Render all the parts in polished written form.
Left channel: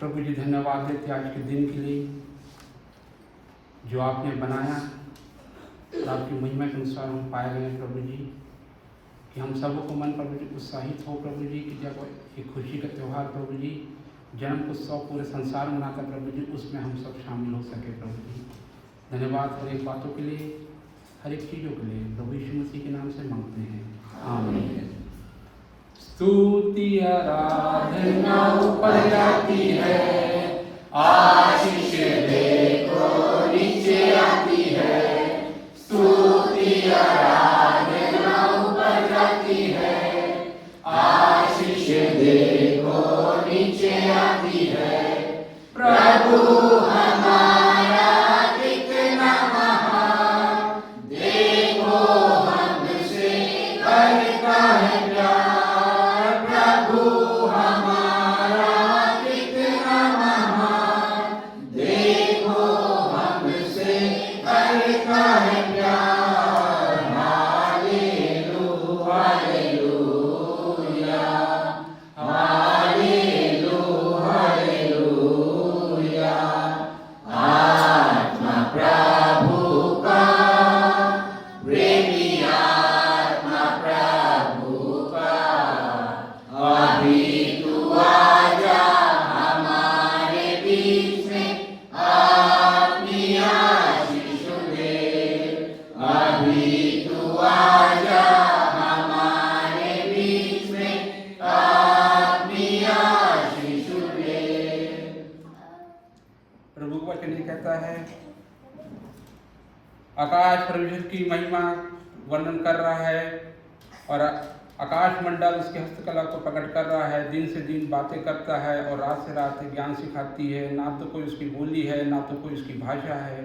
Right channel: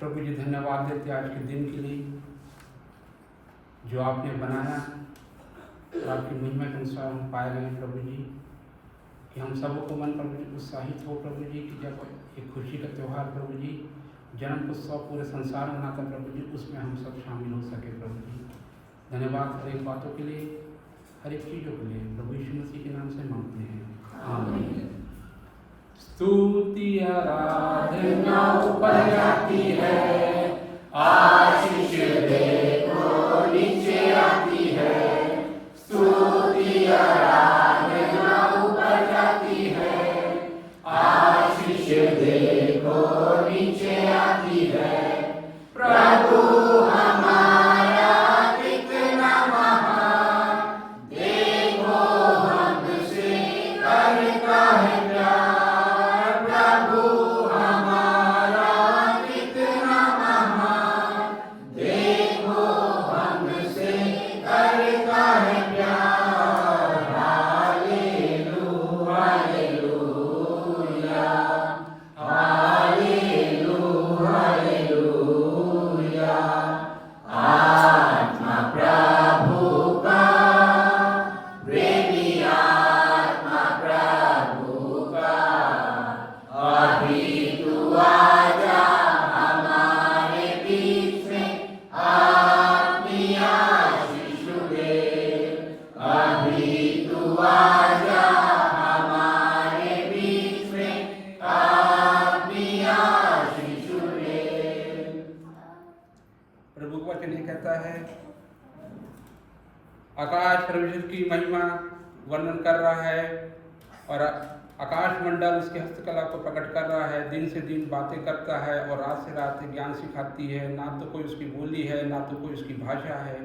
प्रभु जी धन्यवाद देते आज के दिन के लिए जो आपने बनाया और आपकी महिमा के अनुसार हम पाए गए प्रभु जी, कि हम सबको मन प्रभु जी उत्साहित हो प्रभु जी, कि जब एक खुशी का त्यौहार प्रभु जी जन्म उत्सव पूरे संसार में मनाता प्रभु जी, उसमें हम सब शामिल हो सके प्रभु जी। धन्यवाद हर एक बातों के लिए, हर एक चीज़ों के लिए प्रभु यीशु मसीह के नाम से मांगते हैं, आमीन। स्तुति आराधना ऊपर जाती है, आशीष देखो नीचे आती है। स्तुति आराधना ऊपर जाती है, आशीष देखो नीचे आती है। प्रभु हमारा कितना महान, देखो हमसे करता है प्यार। प्रभु हमारा कितना महान, देखो हमसे करता है प्यार। Hallelujah hallelujah hallelujah. आत्मा प्रभु का, प्रेमी आत्मा प्रभु का, अभी तू आजा हमारे बीच में, अपनी आशीष दे। अभी तू आजा हमारे बीच में, अपनी आशीष दे। प्रभु का वचन ये कहता है, आकाश परमेश्वर की महिमा वर्णन कर रहा है और आकाश मंडल उसके हस्तकला को प्रकट कर रहा है। दिन से दिन बातें करता है और रात से रात ज्ञान सिखाती है। ना तो कोई उसकी बोली है, ना तो कोई उसकी भाषा है।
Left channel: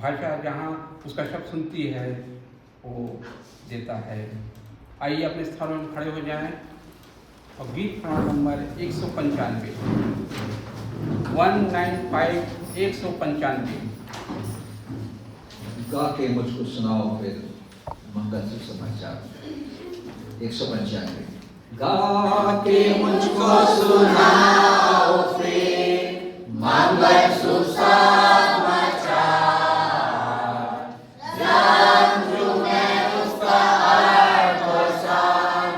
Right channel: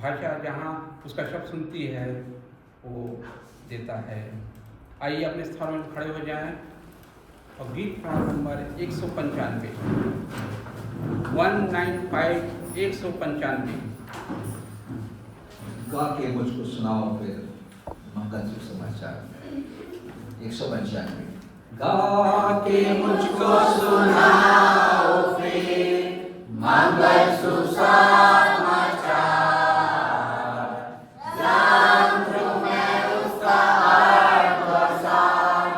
भाषा जहाँ उसका शब्द सुनती है वो देता है। आइए अपने स्थानों में खड़े हो जाएं और गीत नंबर 195 195 गा के मुझको सुनाओ फिर मंगल सुसमाचार। 195 गा के मुझको सुनाओ फिर मंगल सुसमाचार। यंत्र में उसका अर्थ और सार,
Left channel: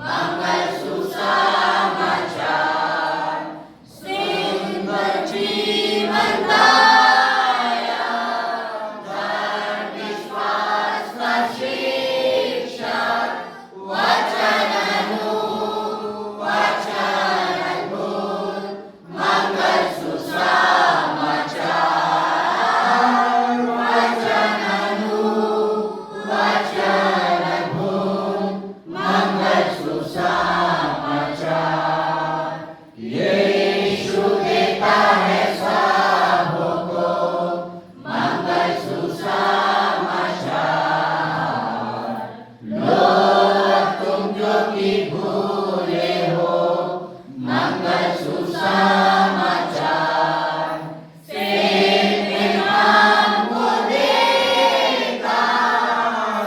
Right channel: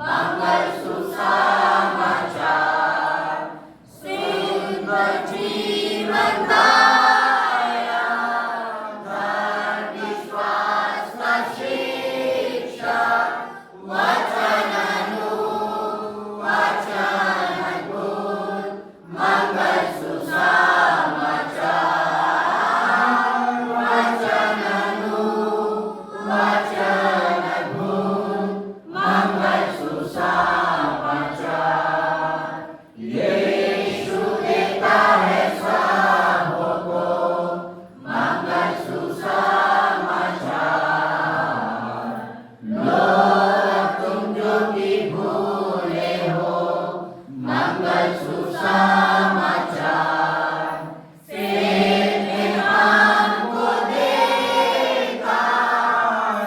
मंगल सुसमाचार। सुंदर जीवन दाया, धर्म विश्वास का शिक्षक, वचन अद्भुत मंगल सुसमाचार। वचन अद्भुत मंगल सुसमाचार। यीशु देता है सबको मंगल सुसमाचार। लोग तुम जो कि भूले हो मंगल सुसमाचार। फिर हमको देता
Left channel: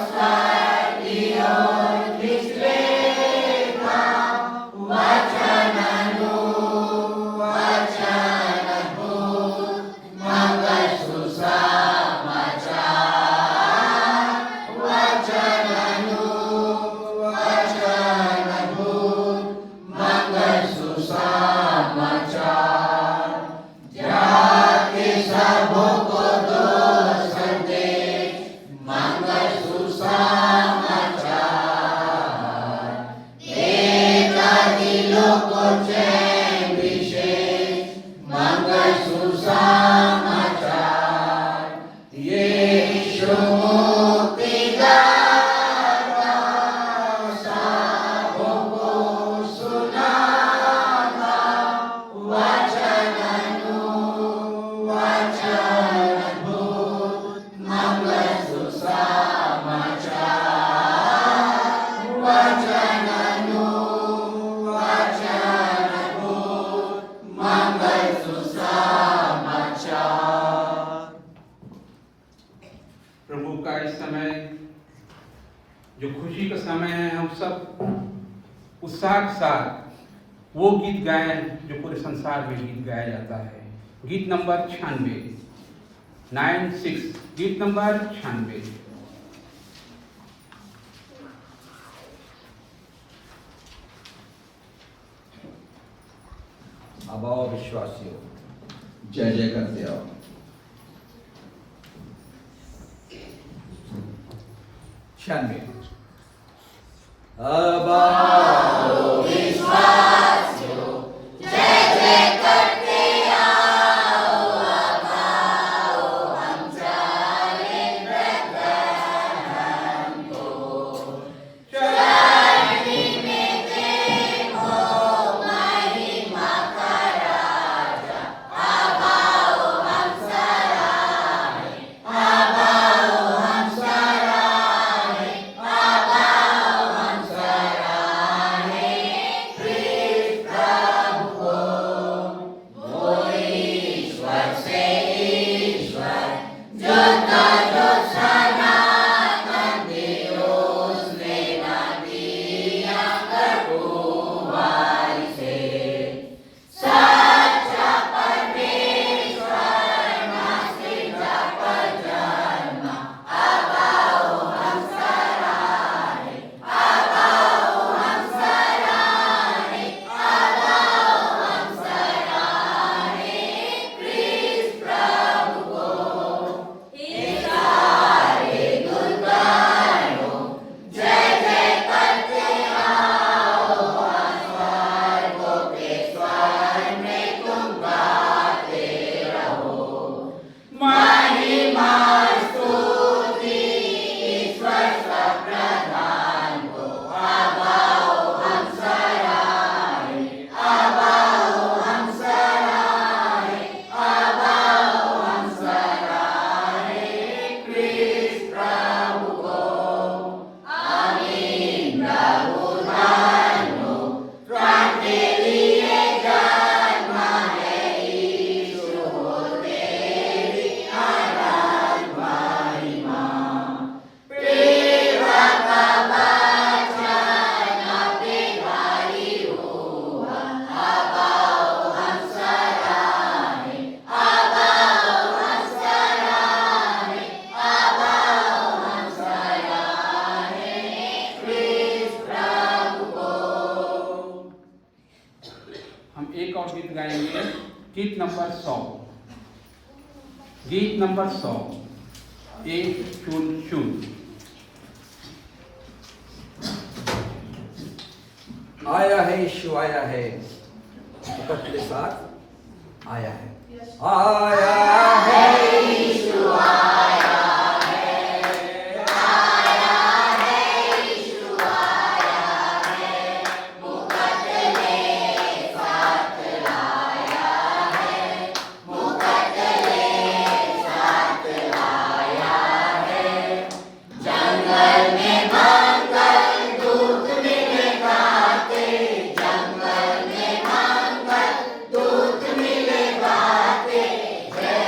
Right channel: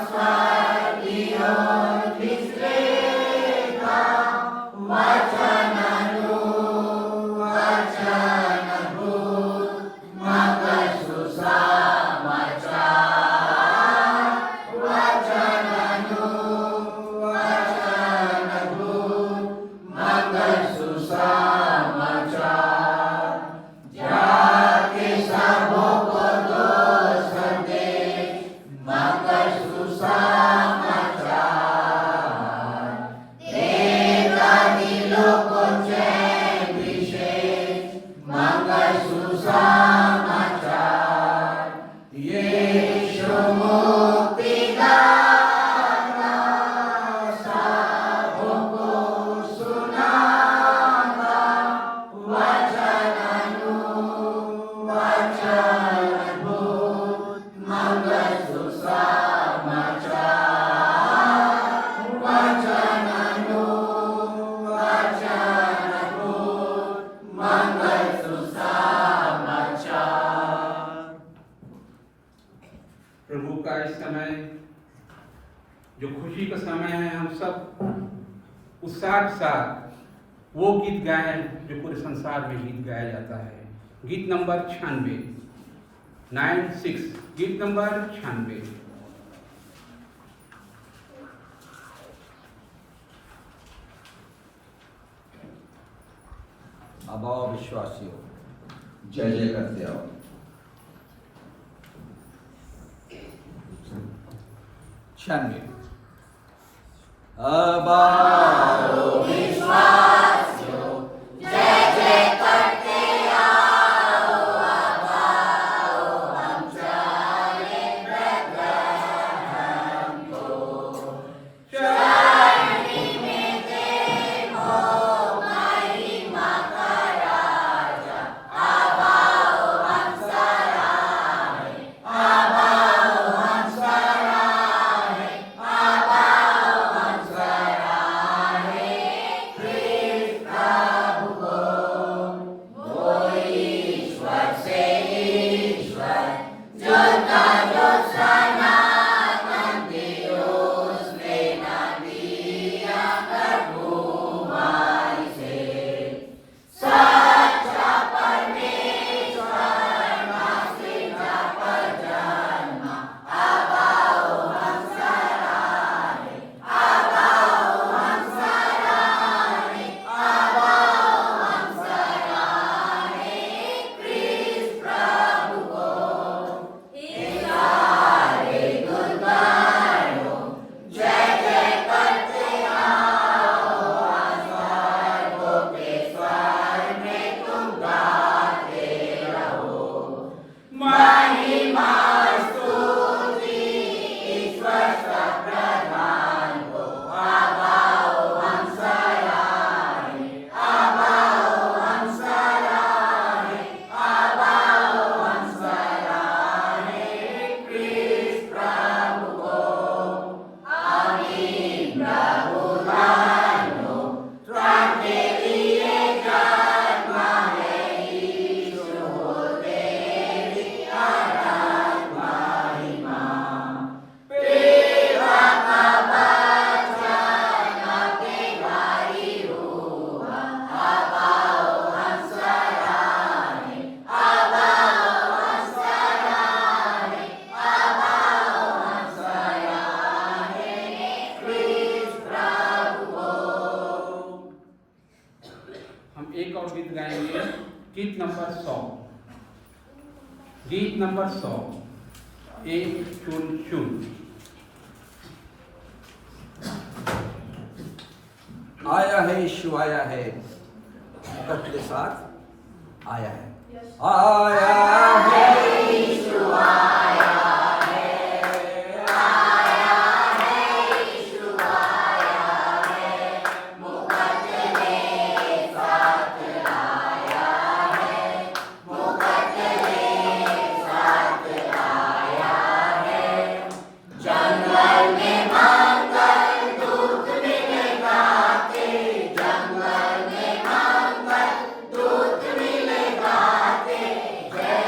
स्वर्गीय खिसलेता, वचन अद्भुत मंगल सुसमाचार। वचन अद्भुत मंगल सुसमाचार। जाके सबको दो संदेश मंगल सुसमाचार। देगा दिलों को चैन विशेष मंगल सुसमाचार। यीशु मुक्ति दाता सबको सुनाता, वचन अद्भुत मंगल सुसमाचार। वचन अद्भुत मंगल सुसमाचार। प्रभु का इस समय जो खुशी का समय है, हम सब उत्साह के साथ वो गीत गाएं जो पूरे संसार में गीत गाया जाता है। गीत नंबर 96, 96, गीत नंबर 96। अब आओ विश्वासियों, जय जय करते आओ। छानवे। अब आओ विश्वासियों, जय जय करते आओ। अब आओ हम चले बेथलेहम को, चलती में देखो महिमा का राजा। अब आओ हम सराहें, अब आओ हम सराहें, अब आओ हम सराहें ख्रीस्त प्रभु को। वो ईश्वर से ईश्वर, जुदा जो सनातन दिवस लेना दिया कर कुमारी से। सच्चा परमेश्वर नासिका पर जन्मा। अब आओ हम सराहें, अब आओ हम सराहें, अब आओ हम सराहें ख्रीस्त प्रभु को। सारे दुर्गणों जय जय करते आओ। स्वर्गों के स्वर में तुम गाते रहो। महिमा स्तुति ईश्वर प्रधान को। अब आओ हम सराहें, अब आओ हम सराहें, अब आओ हम सराहें ख्रीस्त प्रभु को। आमीन प्रभु धन्यो, त्राण के लिए जन्म है यीशु हो तेरी अनंत महिमा। पिता का वचन अतिभारी हुआ। अब आओ हम सराहें, अब आओ हम सराहें, अब आओ हम सराहें ख्रीस्त प्रभु को। हम एक और गीत गाएंगे, गीत नंबर 100, गीत नंबर 100, 1 0 0। आया है यीशु आया है, सबके साथ आया है। आया है यीशु आया है, आया है यीशु आया है। मुकुट ले साथ आया है, मुकुट ले साथ आया है। जंगल में मंगल दूत मिले गाते, जंगल में मंगल दूत मिले गाते। जय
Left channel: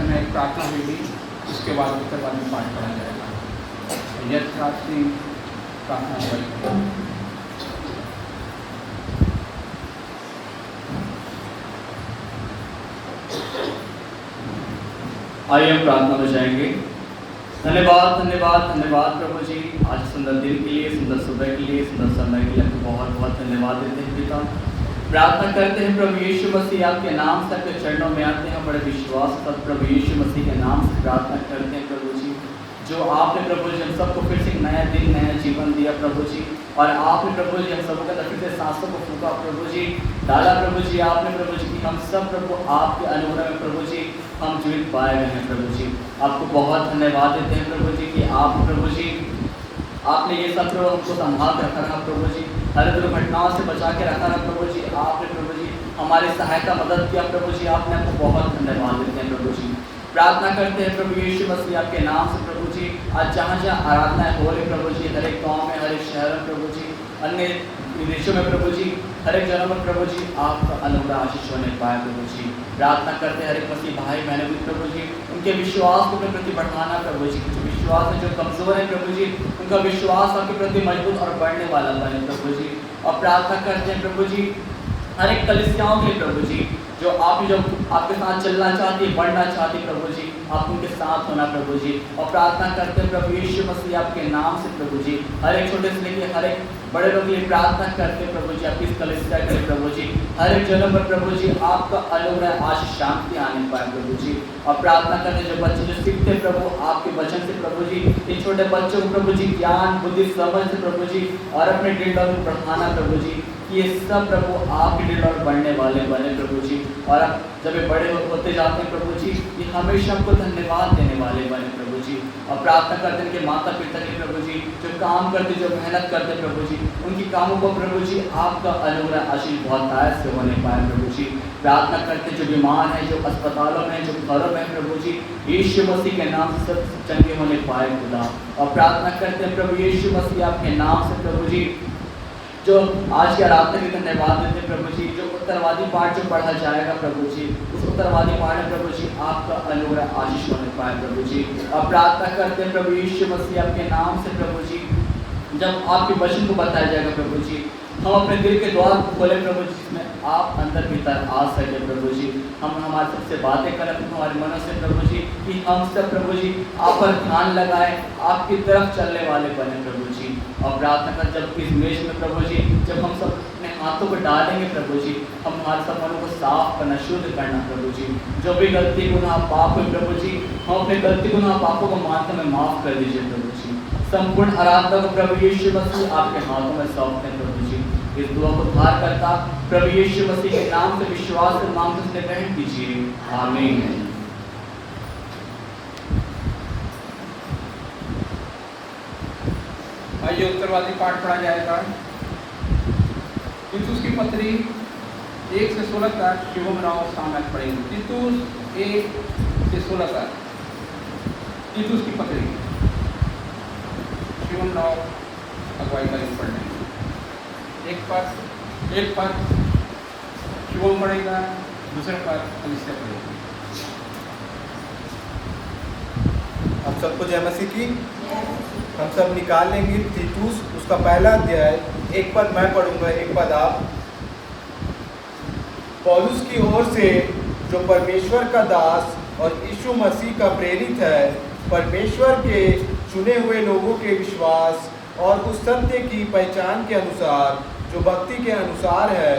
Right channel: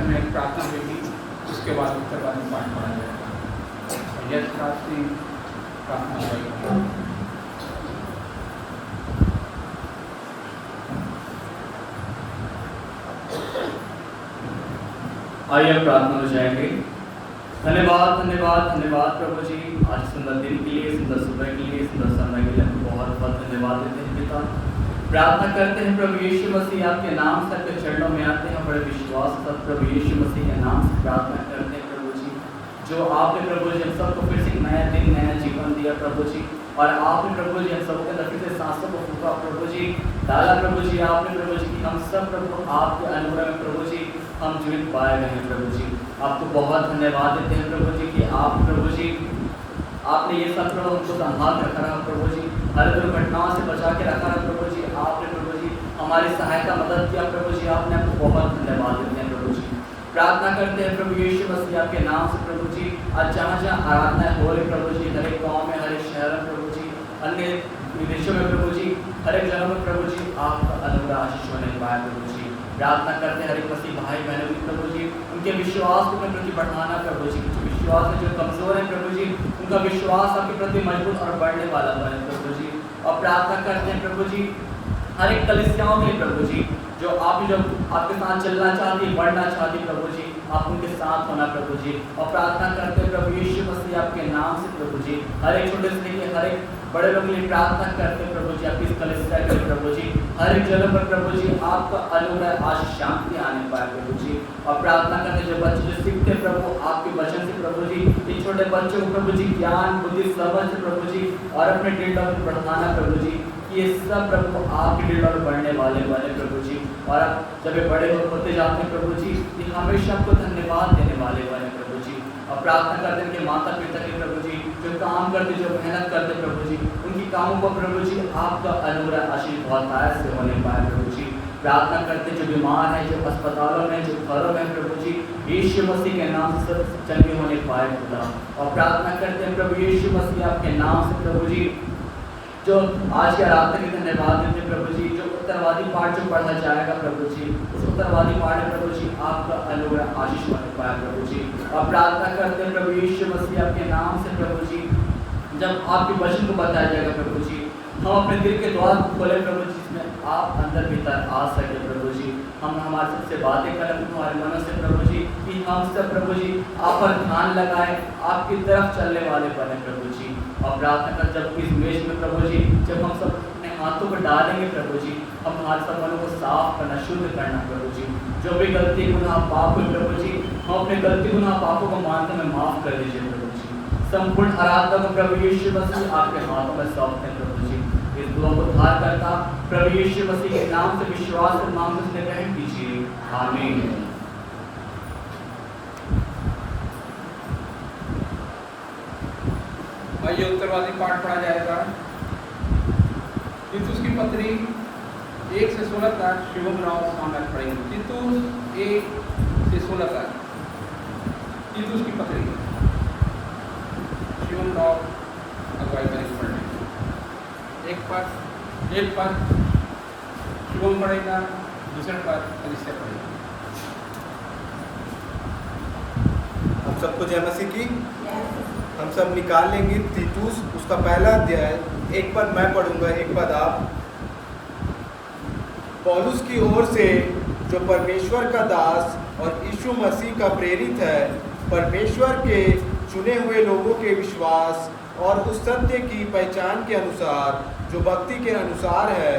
समय एक प्रार्थना होगी, उसके बाद उत्तरवादी पाठ पढ़ा जाएगा। यश राज सिंह प्रार्थना अगुवाई करेंगे। आइए हम प्रार्थना में जाएंगे। धन्यवाद धन्यवाद धन्यवाद प्रभु जी, आज सुंदर दिन के लिए, सुंदर सुबह के लिए, सुंदर समय के लिए आपको बहुत बहुत धन्यवाद देते हैं पिता। प्रार्थना करते हैं प्रभु यीशु मसीह आपके नाम से आपके चरणों में आते हैं, बड़े विश्वास के साथ प्रभु यीशु मसीह के नाम से प्रार्थना करते हैं प्रभु जी, जो आपने प्रभु जी हम सबको फिर से एक नया दिन नया जीवन दिया प्रभु जी, और आपने प्रभु जी हम सबको के अंदर फिर से सांसों को फूका प्रभु जी, डाला प्रभु जी आपने प्रभु जी कि हम सब प्रभु आपके अनुग्रह में प्रभु जी हम जीवित पाए गए हैं प्रभु जी। आपको बहुत धन्यवाद देते हैं प्रभु जी कि आप प्रभु जी आपने ये सब प्रभु हमको संभाल के रखा रहा प्रभु जी, हर दुर्घटनाओं से बचा के रखा रहा प्रभु जी, आपने प्रभु जी हमारी सहायता मदद किया प्रभु जी, आपने आपको बहुत धन्यवाद देते हैं प्रभु जी। प्रार्थना करते हैं प्रभु यीशु मसीह आपके नाम से प्रभु जी, आज जहाँ जहाँ आराधनाएं हो रही प्रभु जी, हर एक गाँव में, हर एक शहर में प्रभु जी, अन्य विदेशों में प्रभु जी, हर एक जगह में प्रभु जी आपका अनुग्रह आशीष होने पाए प्रभु जी। प्रार्थना करते हैं हर एक मसीह भाई बहनों भी प्रभु जी, उनके विश्वास को अपने प्रति बढ़ाना प्रभु जी, जो विश्वास है जो कमजोर है प्रभु जी, उनका विश्वास आपके प्रति मजबूत और बढ़ने वाला बने प्रभु जी। और प्रार्थना करते हैं प्रभु जी हर एक कलीसियाओं के लिए प्रभु जी, जो आपके साथ चलना चाहती है, बढ़ना चाहती है प्रभु जी, आप उनके साथ होना प्रभु जी। और प्रार्थना करते हैं प्रभु यीशु मसीह आपके नाम से प्रभु जी, हर एक छोटे से लेकर हर एक बड़े लोग के लिए प्रार्थना करते हैं प्रभु जी, आपकी इस कलीसिया के लिए प्रभु जी, हर एक जगह पर प्रभु जी आपका अनुग्रह आज शांति आने पाए प्रभु जी। और प्रार्थना करते जो बच्चे जो सीखते प्रभु आपके वचन से प्रभु जी, इन छोटे बच्चों को प्रभु जी ज्ञान बुद्धि समझ से प्रभु जी, और अपने दिल को बढ़ाना प्रभु जी, ये सब प्रभु आपके दिल और बढ़ने वाले बने प्रभु जी। और अब जब ये बड़े होते जाते हैं प्रभु जी, ये हमेशा आपको धन्यवाद देने वाले बने प्रभु जी। और प्रार्थना करते हैं कि माता पिता के प्रभु जी जो काम करते, जो मेहनत करते प्रभु जी, उनकी कामों को प्रभु जी आपका अनुग्रह आशीष बहुत आयत से होने पाए प्रभु जी। प्रार्थना करते जो बीमार हैं, जो अस्पतालों में, जो घरों में प्रभु जी, यीशु मसीह के नाम से सब चंगे होने पाए खुदा। और प्रार्थना करते हैं प्रभु यीशु मसीह आपके नाम से प्रभु जी, जो आज की आराधना के धन्यवाद देते प्रभु जी, जो उत्तरवादी पाठ जो पढ़ा जाएगा प्रभु जी, उस उत्तरवादी पाठ में प्रभु जी आपका अनुग्रह आशीष होने पाए प्रभु जी। और प्रार्थना करते हैं प्रभु यीशु मसीह आपके नाम से प्रभु जी, जब आपके वचन को बताया जाएगा प्रभु जी, हम अपने दिल के द्वार को खोलें प्रभु जी, जिसमें आप अंदर भीतर आ सके प्रभु जी। हम हमारे सबसे बातें करें हमारे मनों से प्रभु जी, कि हम सब प्रभु जी आप पर ध्यान लगाएं, आपकी तरफ चलने वाले बने प्रभु जी। और प्रार्थना कर जब इस मेज में प्रभु जी, जब हम सब अपने हाथों को डालेंगे प्रभु जी, हम हमारे सब मनों को साफ करना, शुद्ध करना प्रभु जी। जो भी गलती गुनाह पाप हो प्रभु जी, हम अपने गलती गुनाह पापों को मानते हमें माफ कर दीजिए प्रभु जी। संपूर्ण आराधना को प्रभु यीशु मसीह आपके हाथों में सौंपते हैं प्रभु जी। इस दुआ को धार करता प्रभु यीशु मसीह के नाम से विश्वास को मांगते उसने ग्रहण कीजिए, आमीन। आइए उत्तरवादी पाठ पढ़ा जाएगा। तीतुस की पत्री 1 से 16 तक शिवम राव सामल पढ़ेंगे। तीतुस 1 से 16 तक तीतुस की पत्री शिवम राव अगुवाई करेंगे पढ़ने। एक पद शिवम पढ़ेगा, दूसरा पद कलीसिया पढ़ेगा। हम सबको जय मसीह की। हम सब निकाल लेंगे तीतुस उसका पहला अध्याय, एक पद मैं पढ़ूंगा, एक पद आप। पौलुस की ओर से जो परमेश्वर का दास और यीशु मसीह का प्रेरित है, परमेश्वर के चुने हुए लोगों के विश्वास और उस सत्य की पहचान के अनुसार जो भक्ति के अनुसार है,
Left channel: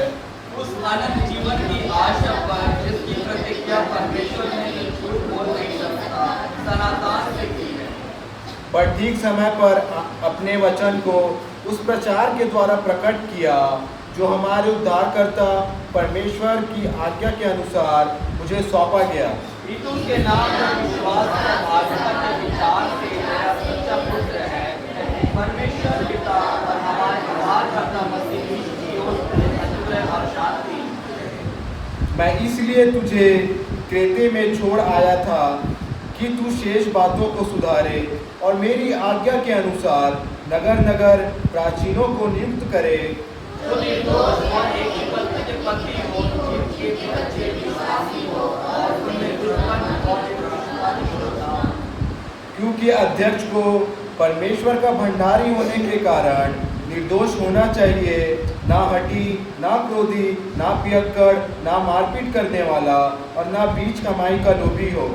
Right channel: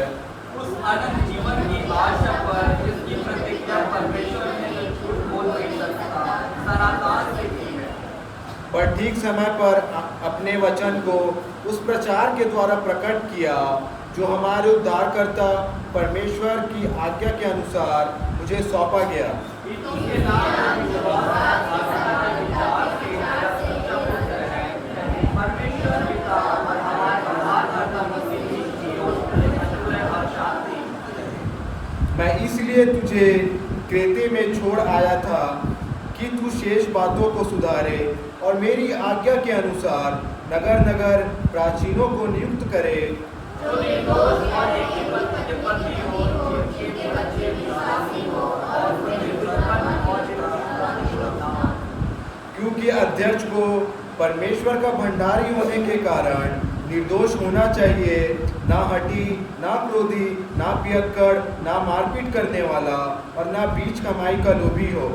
उस अनंत जीवन की आशा पर जिसकी प्रतिज्ञा परमेश्वर ने जो झूठ बोल नहीं सकता सनातन से की है, पर ठीक समय पर अपने वचन को उस प्रचार के द्वारा प्रकट किया जो हमारे उद्धारकर्ता परमेश्वर की आज्ञा के अनुसार मुझे सौंपा गया। तीतुस के नाम पर विश्वास और आस्था के विचार से मेरा सच्चा पुत्र है, परमेश्वर पिता और हमारे उद्धारकर्ता मसीह यीशु की ओर से अनुग्रह और शांति। मैं इसलिए तुझे क्रेते में छोड़ आया था कि तू शेष बातों को सुधारे और मेरी आज्ञा के अनुसार नगर नगर प्राचीनों को नियुक्त करे, जो निर्दोष और एक ही पति हो, जिनके बच्चे विश्वासी हो और तुम्हें दुश्मन और क्योंकि अध्यक्ष को परमेश्वर का भंडारी होने के कारण निर्दोष होना चाहिए, ना हठी, ना क्रोधी, ना पियक्कड़, ना मारपीट करने वाला और ना बीच कमाई का लोभी हो।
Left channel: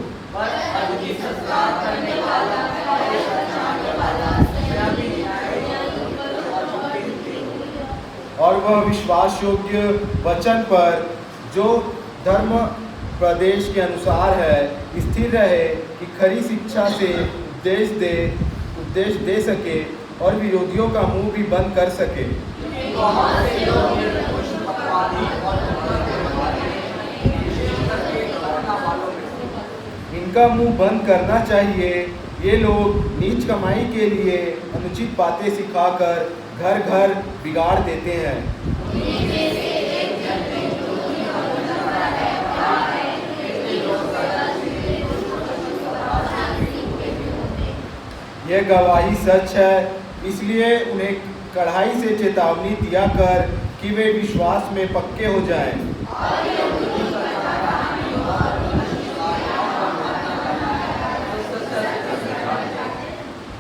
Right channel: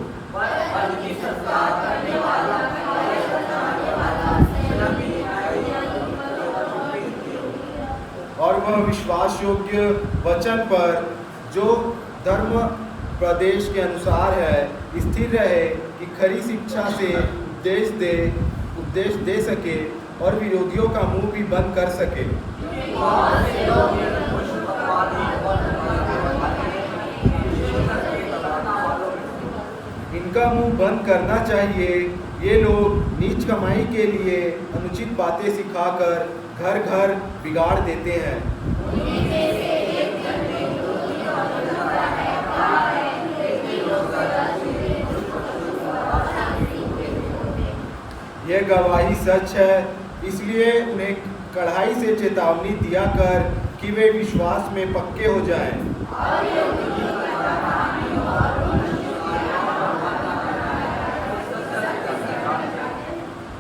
और वह विश्वास योग्य वचन पर जो धर्म प्रदेश के अनुसार है स्थिर रहे कि खरी शिक्षा से उपदेश दे सके और विरोधियों का मुंह भी बंद कर सके। इनका मुंह बंद करना चाहिए। ये लोग नीच कमाई के लिए अनुचित बातें सिखाकर घर घर बिगाड़ देते हैं। यह गवाही सच है, इसलिए उन्हें कड़ाई से चेतावनी दिया कर कि वे विश्वास में पक्के हो जाएं।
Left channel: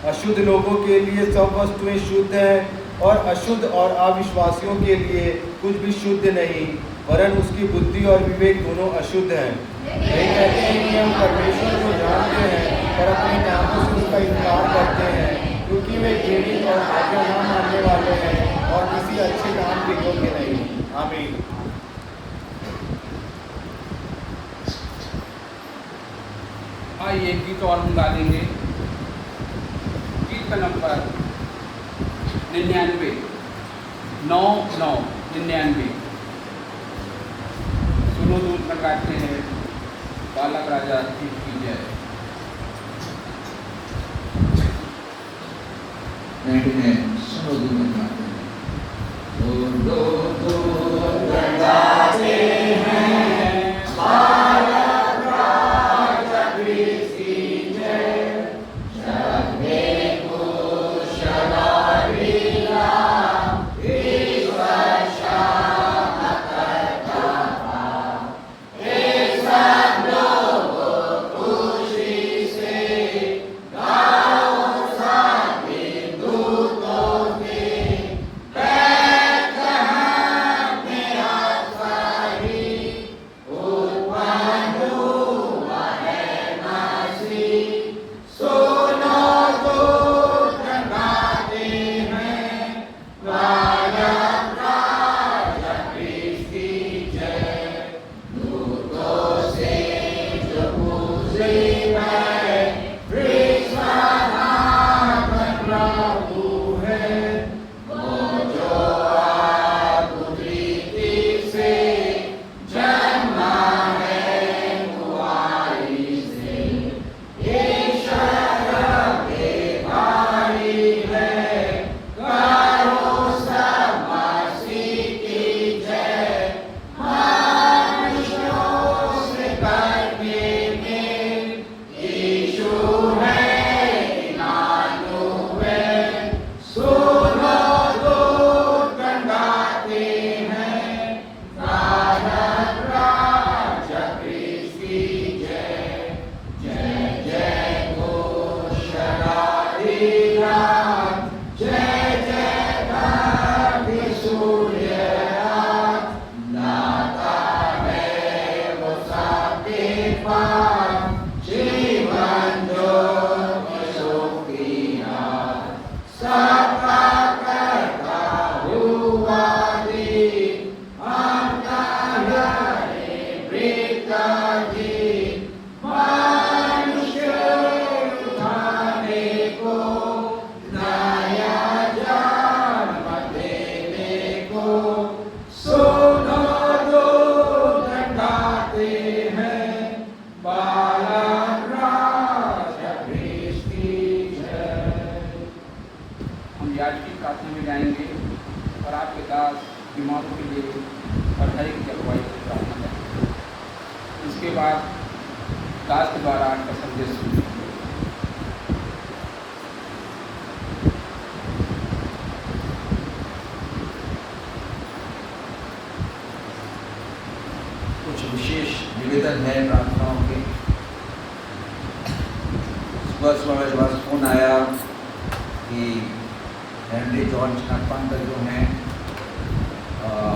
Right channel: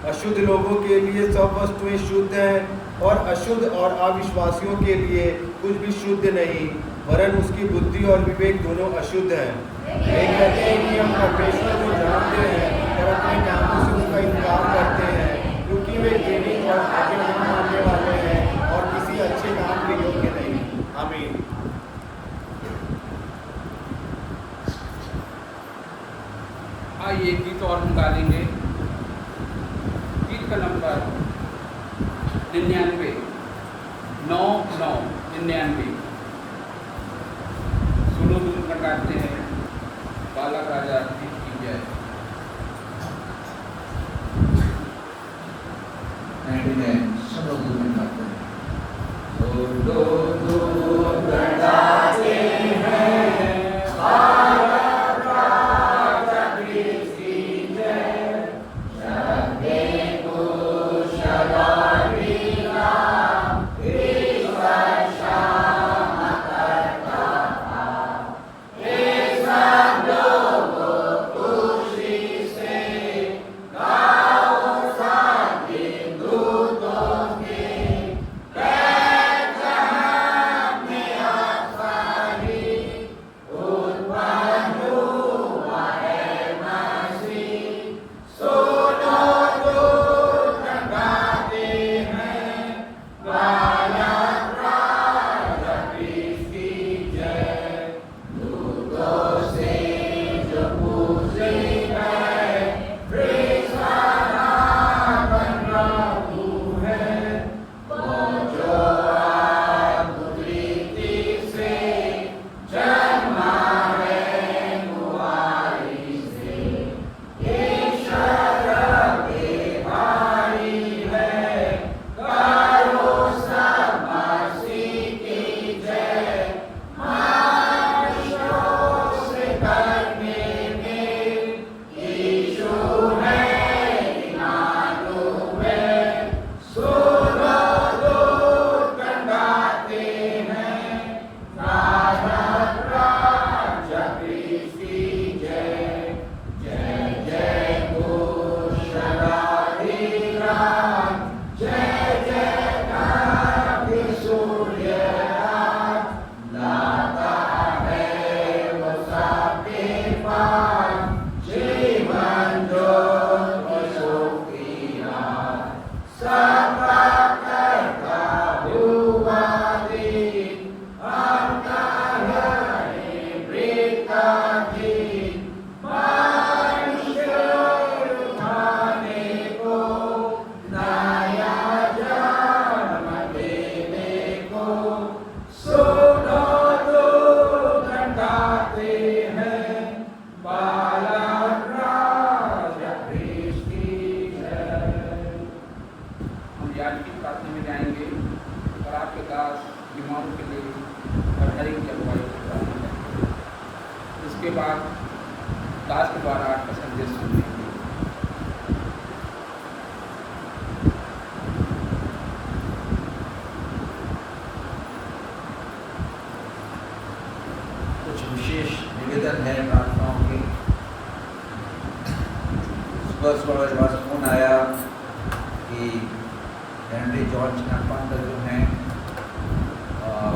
अशुद्ध लोगों के लिए सब वस्तुएं शुद्ध हैं और अशुद्ध और अविश्वासियों के लिए कुछ भी शुद्ध नहीं, वरन उसकी बुद्धि और विवेक दोनों अशुद्ध हैं। वे कहते हैं कि हम परमेश्वर को जानते हैं पर अपने कामों से उसका इनकार करते हैं, क्योंकि वे घृणित और आज्ञा न मानने वाले हैं और किसी अच्छे काम के योग्य नहीं। आमीन। आइए गीत और हम गा लेंगे। गीत का नंबर 99 99। सुनो दूत लगाते हैं, बालक राजा की जय। 99 सुनो दूत लगाते हैं। याजकी काशी में जाएंगे और आपके दास बीमारों के लिए पढ़ाई की अगुवाई की प्रार्थना करेंगे। इसके बाद दास के द्वारा आज का संदेश सुनेंगे। कुछ विशेष निवेदन है प्रार्थनाओं के, सुबह मेरे पास फ़ोन आया कि हेनरी जॉर्ज पंत जो हैं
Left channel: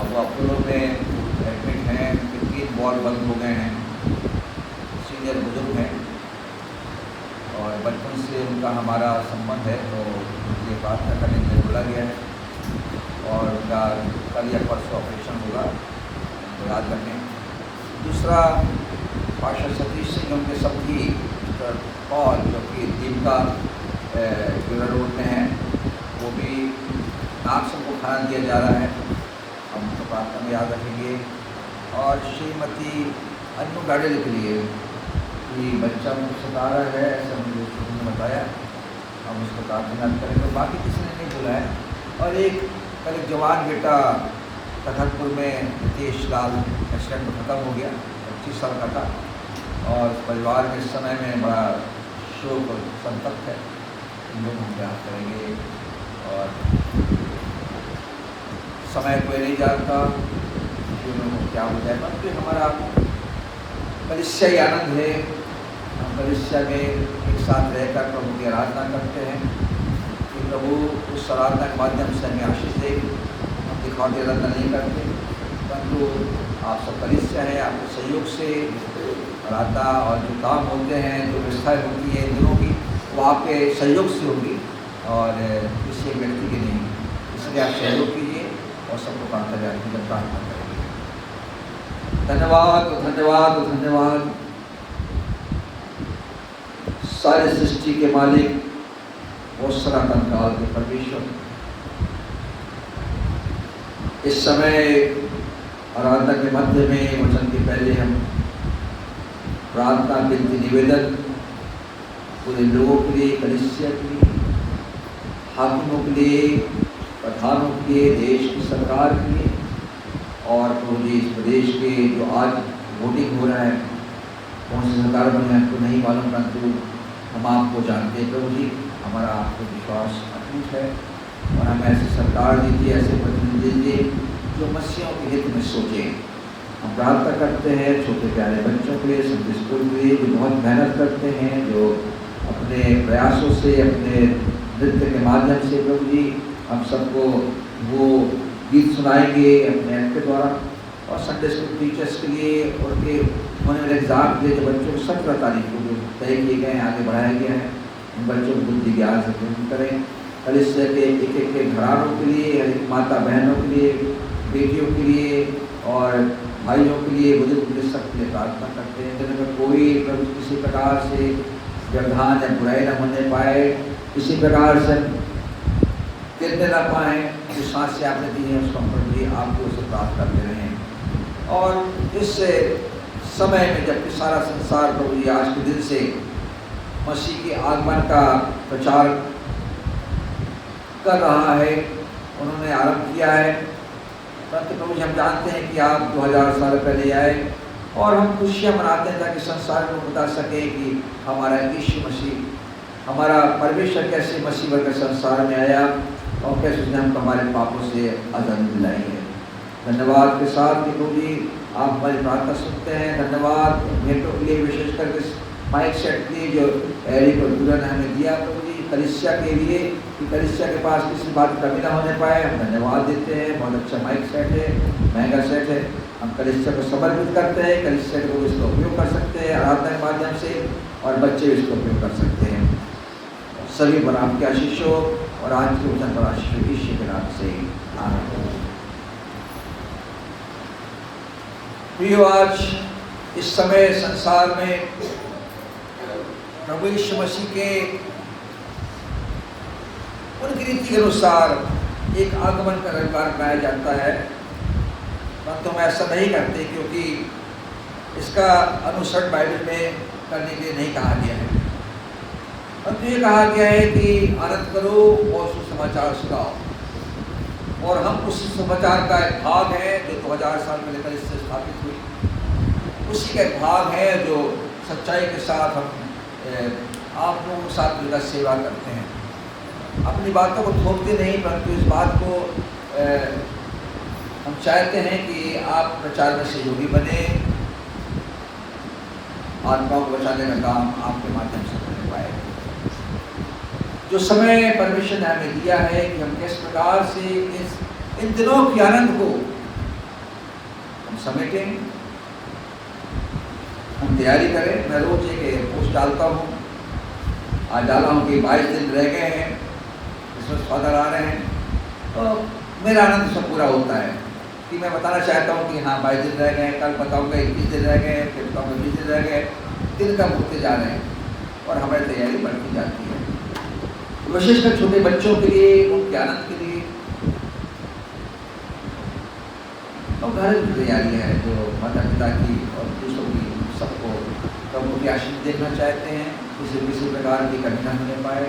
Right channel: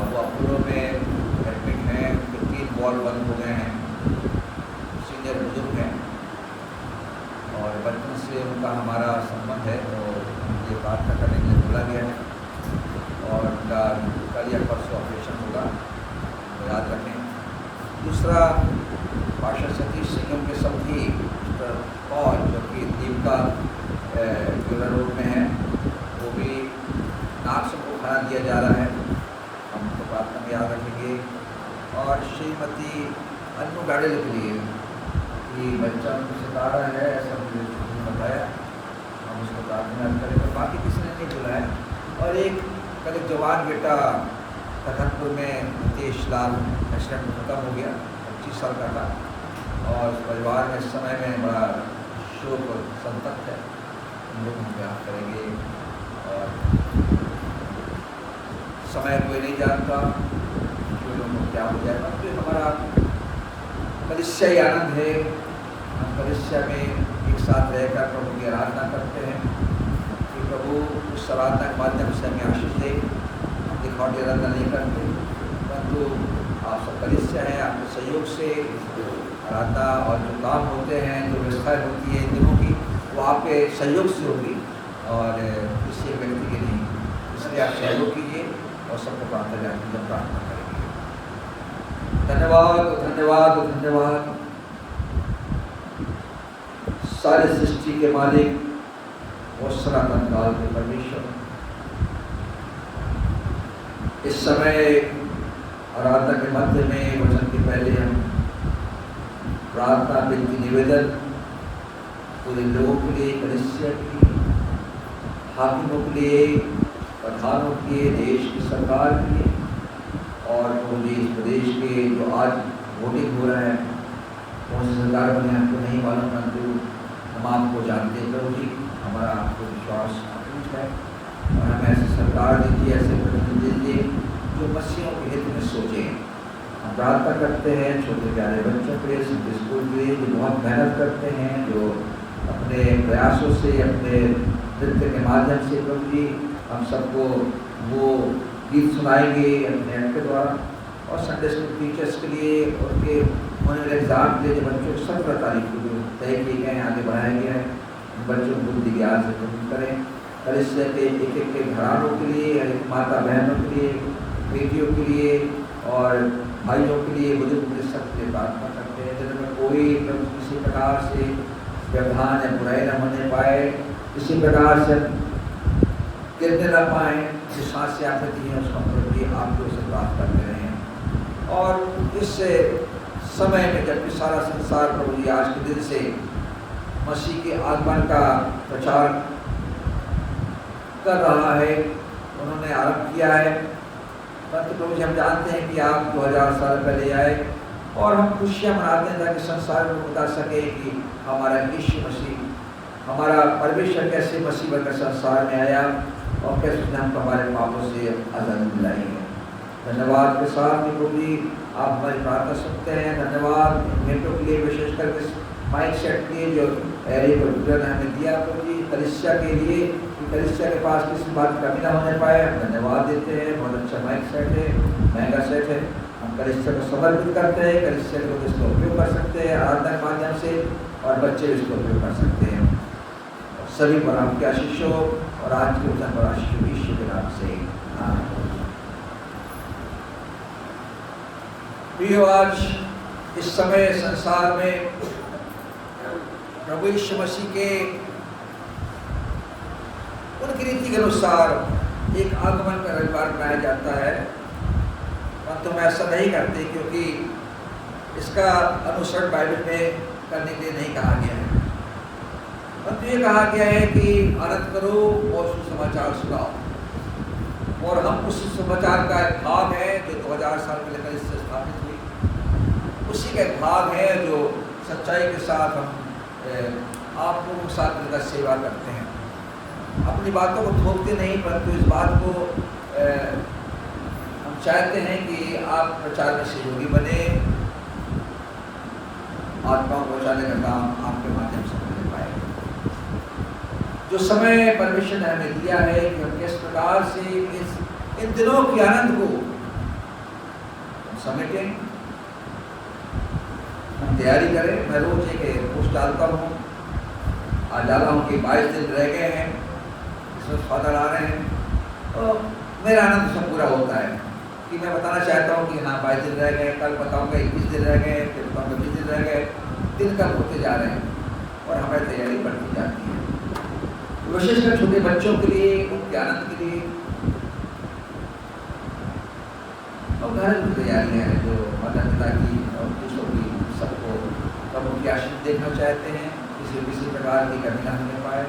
वो अपोलो में एडमिट हैं, उनके 3 बॉल बंद हो गए हैं, सीनियर बुजुर्ग हैं और बचपन से उनका हमारा संबंध है, तो उनकी प्रार्थना करने के लिए बोला गया है और उनका कल या परसों ऑपरेशन होगा, तो याद रखें। दूसरा, पास्टर सतीश सिंह उनके सभी पॉल जो कि दीपका ड्यूरा रोड में है, वो भी नाक से उनको खाना दिया जा रहा है, हम उनको प्रार्थना में याद रखेंगे। और श्रीमती अन्नू गाड़ेल के लिए कि बच्चा उनको सता रहा है, ऐसा मुझे बताया, हम उसको प्रार्थना याद करेंगे। और बाकी किसी ने नहीं बोला है। और कल एक जवान बेटा तखतपुर में नितेश लाल एक्सीडेंट में ख़त्म हो गया, 25 साल का था और परिवार में इस समय में बड़ा शोक और संतप्त है, हम लोग हम याद करेंगे। और समय कोई नहीं जानता कि लोगों को क्या हो जाए, परंतु हमारा कलीसियाई आनंद है, हम कलीसिया में एक साथ रहकर प्रभु की आराधना करते हैं कि प्रभु उस आराधना के माध्यम से हमें आशीष दे। हम दिखावटी आराधना नहीं करते, परंतु आप सब कलीसिया हैं, आपके सहयोग से आराधना और जो काम होते हैं, जो व्यवस्थाएँ होती है इन दिनों की, वो आपके सहयोग से होगी और किसी एक व्यक्ति की नहीं। इसलिए आप सहयोग कीजिए और सबको प्रार्थना करेंगे। धन्यवाद धन्यवाद धन्यवाद सारे सृष्टि के मालिक और सनातन काल के परमेश्वर, इस समय आराधना के मध्य में वचन के पहले हम प्रार्थना विनती निवेदन पूरे लोगों के लिए, कलीसिया के लिए, हाकिमों के लिए, प्रधानों के लिए, देश की सरकार के लिए और पूरे इस प्रदेश के जो आज वोटिंग हो रहा है, कौन सी सरकार बनी आपको नहीं मालूम, परंतु हम आपको जानते हैं प्रभु जी, हमारा आपको विश्वास अटूट है और हम ऐसी सरकार दीजिए, ऐसे प्रतिनिधि दीजिए जो मसीहों के हित में सोचें। हम प्रार्थना करते हैं छोटे प्यारे बच्चों के लिए, संडे स्कूल के लिए, जो बहुत मेहनत करते हैं, जो अपने प्रयासों से, अपने नृत्य के माध्यम से प्रभु जी हम सबको वो गीत सुनाएंगे अपने ऐप के द्वारा। और संडे स्कूल टीचर्स के लिए, उनके होने वाले एग्ज़ाम के लिए जो बच्चों को 17 तारीख को जो तय किए गए हैं, आगे बढ़ाया गया है, उन बच्चों को बुद्धि ज्ञान से पूर्ण करें। कलीसिया के एक के घरानों के लिए, माता बहनों के लिए, बेटियों के लिए और भाइयों के लिए, बुजुर्ग के लिए, सबके लिए प्रार्थना करते हैं जिनमें कोई प्रभु किसी प्रकार से व्यवधान या बुराई न होने पाए, किसी प्रकार से गिरने न पाए, जो सांसें आपने दी हैं उसका प्रभु जी आपके उसे प्राप्त करते रहें। और इस समय में जबकि सारा संसार प्रभु जी आज के दिन से मसीह के आगमन का प्रचार कर रहा है, उन्होंने आरंभ किया है, परंतु प्रभु जी हम जानते हैं कि आप 2000 साल पहले आए और हम खुशियाँ मनाते हैं ताकि संसार में बता सके कि हमारा यीशु मसीह, हमारा परमेश्वर कैसे मसीह बनकर संसार में आया और कैसे उसने हमको हमारे पापों से आज़ादी दिलाई है। धन्यवाद के साथ कि प्रभु जी आप हमारी प्रार्थना सुनते हैं। धन्यवाद भेंटों के लिए, विशेष करके माइक सेट के लिए जो एरिक और दुरा ने हमें दिया प्रभु जी, कलीसिया के लिए कि कलीसिया के पास किसी बात की कमी ना होने पाए, हम धन्यवाद देते हैं। बहुत अच्छा माइक सेट है, महंगा सेट है, हम कलीसिया को समर्पित करते हैं, कलीसिया के लोग इसका उपयोग कर सकते हैं आराधना के माध्यम से और बच्चे भी इसका उपयोग कर सकते हैं। और सभी पर आपके आशीष हो और आज के वचन पर आशीष हो, ईश्वर के नाम से आमीन। प्रियो, आज इस समय संसार में प्रभु यीशु मसीह के उनकी रीति के अनुसार एक आगमन का रविवार मनाया जाता है, परंतु हम ऐसा नहीं करते क्योंकि इसका अनुसरण बाइबल में करने के लिए नहीं कहा गया है, परंतु ये कहा गया है कि आनंद करो और सुसमाचार सुनाओ। और हम उस सुसमाचार का एक भाग है जो 2000 साल पहले कल इससे स्थापित हुई, उसी का एक भाग है जो सच्चाई के साथ हम आप लोगों के साथ मिलकर सेवा करते हैं। अपनी बातों को थोपते नहीं, परंतु इस बात को हम चाहते हैं कि आप प्रचार में सहयोगी बने, आत्माओं को बचाने का काम आपके माध्यम से होने पाए। जो समय परमेश्वर ने हमें दिया है कि हम किस प्रकार से इन दिनों के आनंद को हम समेटें, हम तैयारी करें। मैं रोज एक पोस्ट डालता हूँ, आज डाला हूँ कि 22 दिन रह गए हैं, क्रिसमस फादर आ रहे हैं, तो मेरा आनंद सब पूरा होता है कि मैं बताना चाहता हूँ कि हाँ 22 दिन रह गए, कल बताऊँगा 21 दिन रह गए, फिर बताऊँगा 20 दिन रह गए, दिन कम होते जा रहे हैं और हमारी तैयारी बढ़ती जाती है। विशेषकर छोटे बच्चों के लिए, उनके आनंद के लिए और घरेलू तैयारियाँ हैं जो माता पिता की और दूसरों की सबको प्रभु की आशीष देखना चाहते हैं, किसी प्रकार की कमी न होने पाए,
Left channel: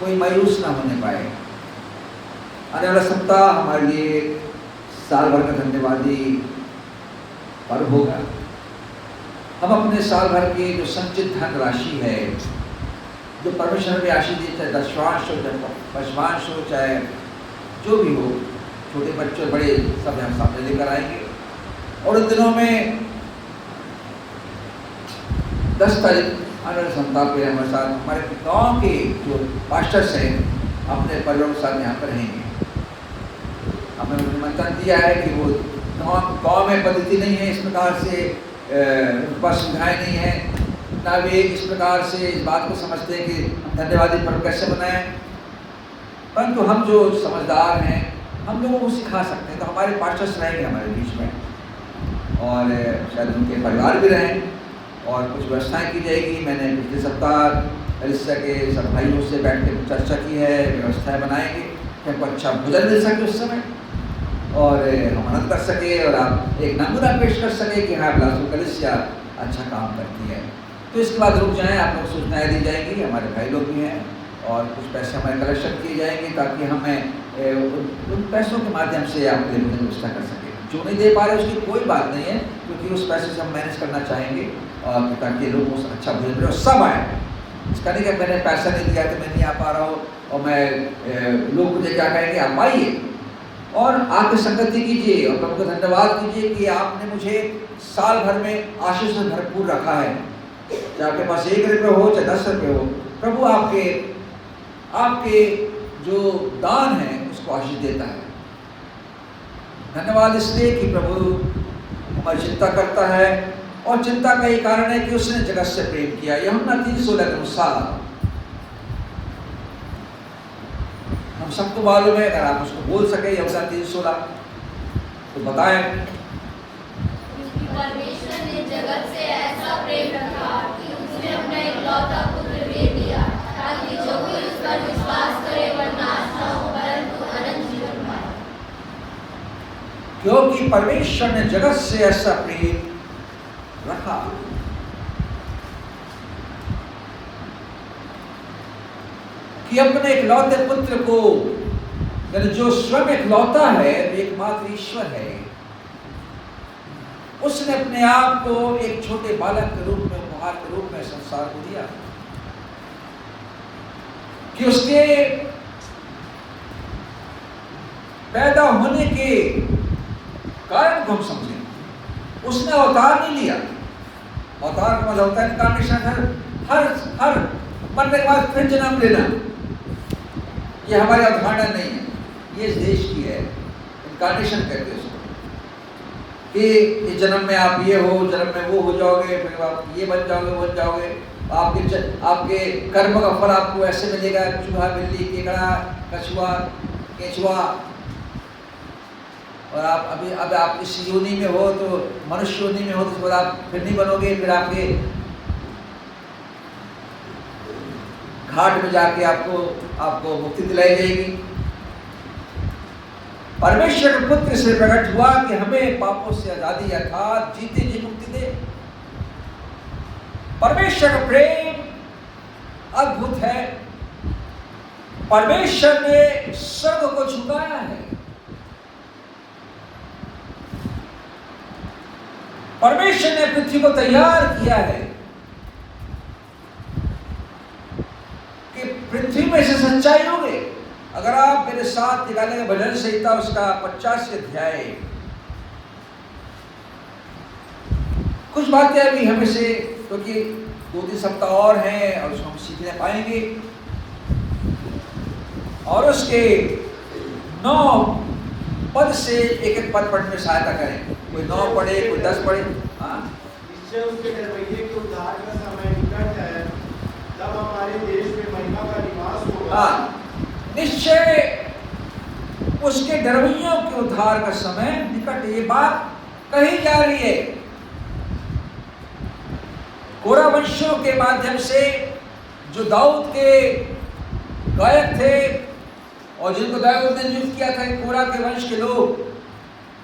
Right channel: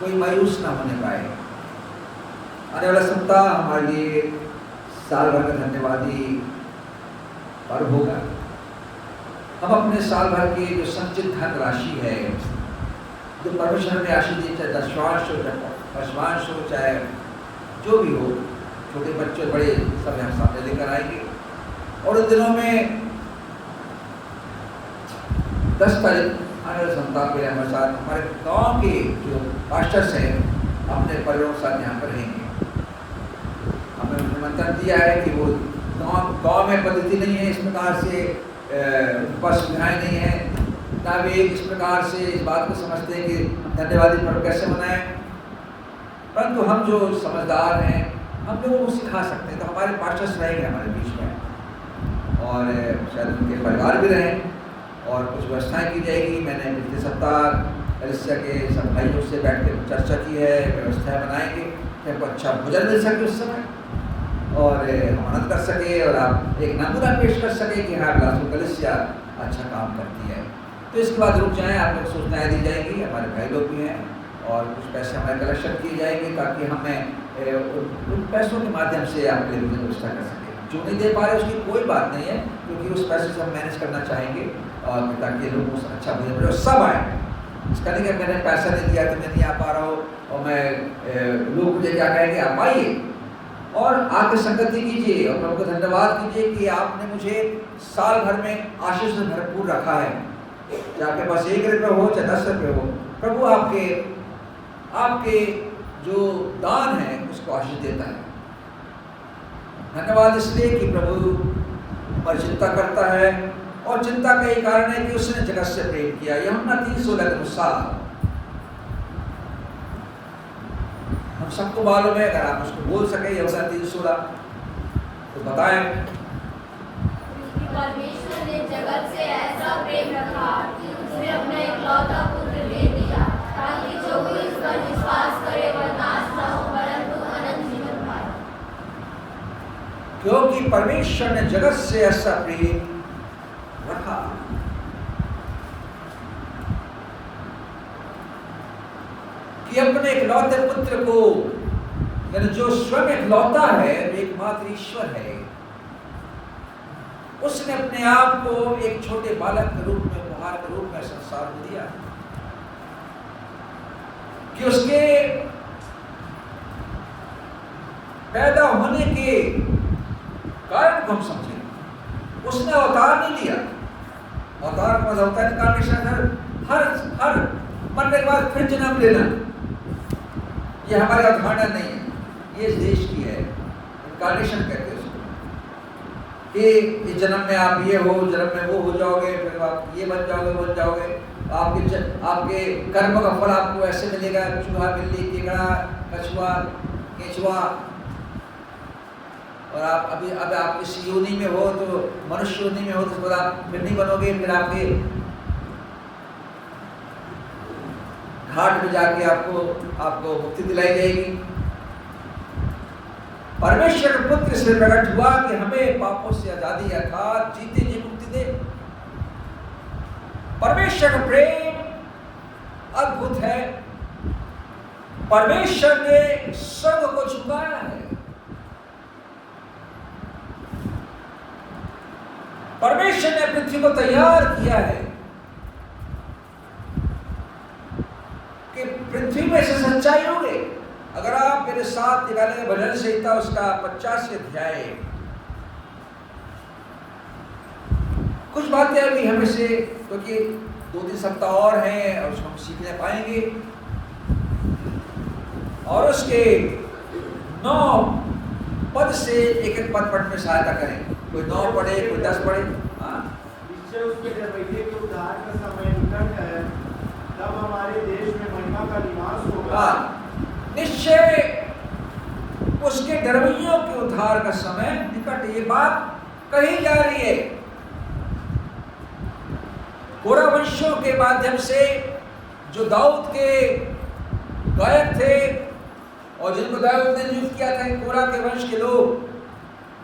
कोई मायूस ना होने पाए। आने वाला सप्ताह हमारे लिए साल भर का धन्यवादी पर्व होगा। हम अपने साल भर की जो संचित धन राशि है, जो परमेश्वर में आशीष दी, चाहे दशवांश हो, चाहे पशवांश हो, चाहे जो भी हो, छोटे बच्चे बड़े सब हम सामने लेकर आएंगे। और उन दिनों में 10 तारीख आने वाले सप्ताह पे हमारे साथ हमारे गांव के जो पास्टर्स हैं अपने परिवारों के साथ यहाँ पर रहेंगे। हमें निमंत्रण दिया है कि वो गांव में पद्धति नहीं है इस प्रकार से, उनके पास सुविधाएँ नहीं है, ना वे इस प्रकार से इस बात को समझते हैं कि हम धन्यवादी पर्व कैसे मनाएं। परंतु हम जो समझदार हैं, हम लोगों को सिखा सकते हैं। तो हमारे पास्टर्स रहेंगे हमारे बीच में और शायद उनके परिवार भी रहें और कुछ व्यवस्थाएं की जाएगी। मैंने पिछले सप्ताह कलीसिया के सब भाइयों से बैठ के चर्चा की है, व्यवस्थाएं बनाएंगे कि हमको अच्छा भोजन मिल सके उस समय और हम आनंद कर सके और आप एक नमूना पेश कर सके कि हाँ बिलासपुर कलीसिया अच्छा काम करती है। तो इसके बाद रुक जाएं, आप लोग सूचनाएँ दी जाएंगी, हमारे भाई लोग भी हैं और कुछ पैसे हमारे कलेक्शन किए जाएंगे ताकि हमें उन पैसों के माध्यम से आपके लिए व्यवस्था कर सकें। जो नहीं दे पा रहे उसकी कोई बात नहीं है, क्योंकि उस पैसे से हम मैनेज करना चाहेंगे ताकि लोग उस अच्छा भोजन मिले और सब आए। इसका नहीं कि मैंने पैसा नहीं दिया तो मैं नहीं आ पा रहा हूँ और मैं लोग मुझे क्या कहेंगे, आप आइए और आके संगति कीजिए और प्रभु का धन्यवाद कीजिए कि आपने मुझे साल भर में आशीष से भरपूर रखा है। चाहे आपके पास 1 रुपये हो चाहे 10 रुपये हो, प्रभु आपके जो दान है उसको आशीष देता है। धन्यवाद इसलिए कि प्रभु हमारी चिंता करता है और चिंता का ही कारण है कि उसने जगत से प्रेम किया। यूहन्ना 3:16 के अनुसार हम सबको मालूम है, अगर आप उसको बोल सके यूहन्ना 3:16 तो बताएं। परमेश्वर ने जगत से ऐसा प्रेम रखा कि उसने अपना इकलौता पुत्र दे दिया ताकि जो कोई उस पर विश्वास करे वह नाश न हो परंतु अनंत जीवन पाए। क्योंकि परमेश्वर ने जगत से ऐसा प्रेम रखा कि अपने इकलौते पुत्र को, यानी जो स्वयं इकलौता है, एकमात्र ईश्वर है, उसने अपने आप को एक छोटे बालक के रूप में, उपहार के रूप में संसार को दिया कि उसके पैदा होने के कारण को हम समझें। उसने अवतार नहीं लिया, अवतार का मतलब होता है इनकार्नेशन, हर मरने के बाद फिर जन्म लेना। ये हमारी अवधारणा नहीं है, ये इस देश की है। इनकार्नेशन कहते हैं उसको कि इस जन्म में आप ये हो, जन्म में वो हो जाओगे, फिर आप ये बन जाओगे, वो बन जाओगे। आपके कर्म का फल आपको ऐसे मिलेगा, चूहा, बिल्ली, केकड़ा, कछुआ, केचुआ। और आप अब आप इस योनि में हो तो मनुष्य योनि में हो तो फिर आप फिर नहीं बनोगे, फिर आपके घाट में जाके आपको मुक्ति दिलाई जाएगी। परमेश्वर का पुत्र से प्रकट हुआ कि हमें पापों से आजादी अर्थात जीते जी मुक्ति दे। परमेश्वर का प्रेम अद्भुत है। परमेश्वर ने स्वर्ग को झुकाया है। परमेश्वर ने पृथ्वी को तैयार किया है कि पृथ्वी में से सच्चाई होगी। अगर आप मेरे साथ निकालेंगे भजन संहिता उसका 85 अध्याय, कुछ बातें अभी हमें से, क्योंकि 2-3 सप्ताह और हैं और उसको हम सीखने पाएंगे। और उसके 9 पद से एक एक पद पढ़ने में सहायता करें। कोई 9 पढ़े, कोई 10 पढ़े। हाँ, निश्चय उसके डरवैये के उद्धार का समय निकट है, तब हमारे देश में महिमा का निवास होगा। हाँ, निश्चय उसके डरवैयों के उद्धार का समय निकट। ये बात कही जा रही है कोरा वंशियों के माध्यम से, जो दाऊद के गायक थे और जिनको दाऊद ने नियुक्त किया था कोरा के वंश के लोग,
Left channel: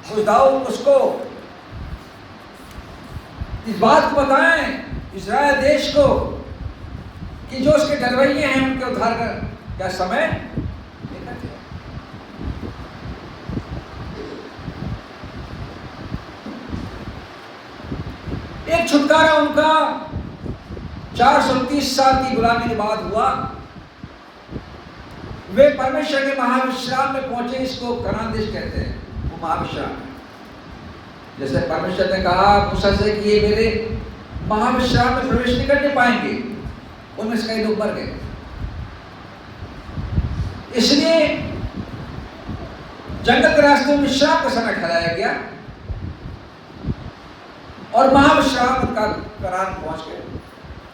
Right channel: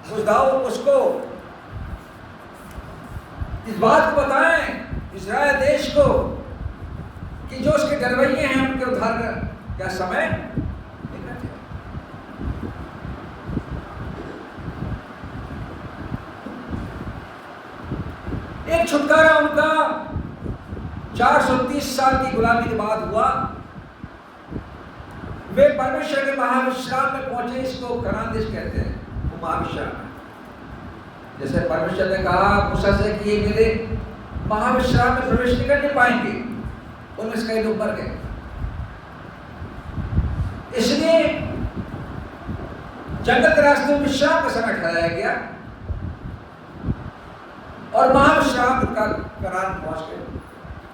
उस दाऊद उसको इस बात को बताएं इस्राएल देश को कि जो उसके डरवैये हैं उनके उद्धार का क्या समय निकट है। एक छुटकारा उनका 430 साल की गुलामी के बाद हुआ। वे परमेश्वर के महाविश्राम में पहुंचे। इसको कनान देश कहते हैं, वो महाविश्राम है। जैसे परमेश्वर ने कहा मूसा से कि ये मेरे महाविश्राम में प्रवेश नहीं करने पाएंगे, उनमें से कई लोग मर गए। इसलिए जंगल के रास्ते में विश्राम का समय ठहराया गया और महाविश्राम का करार पहुंच गए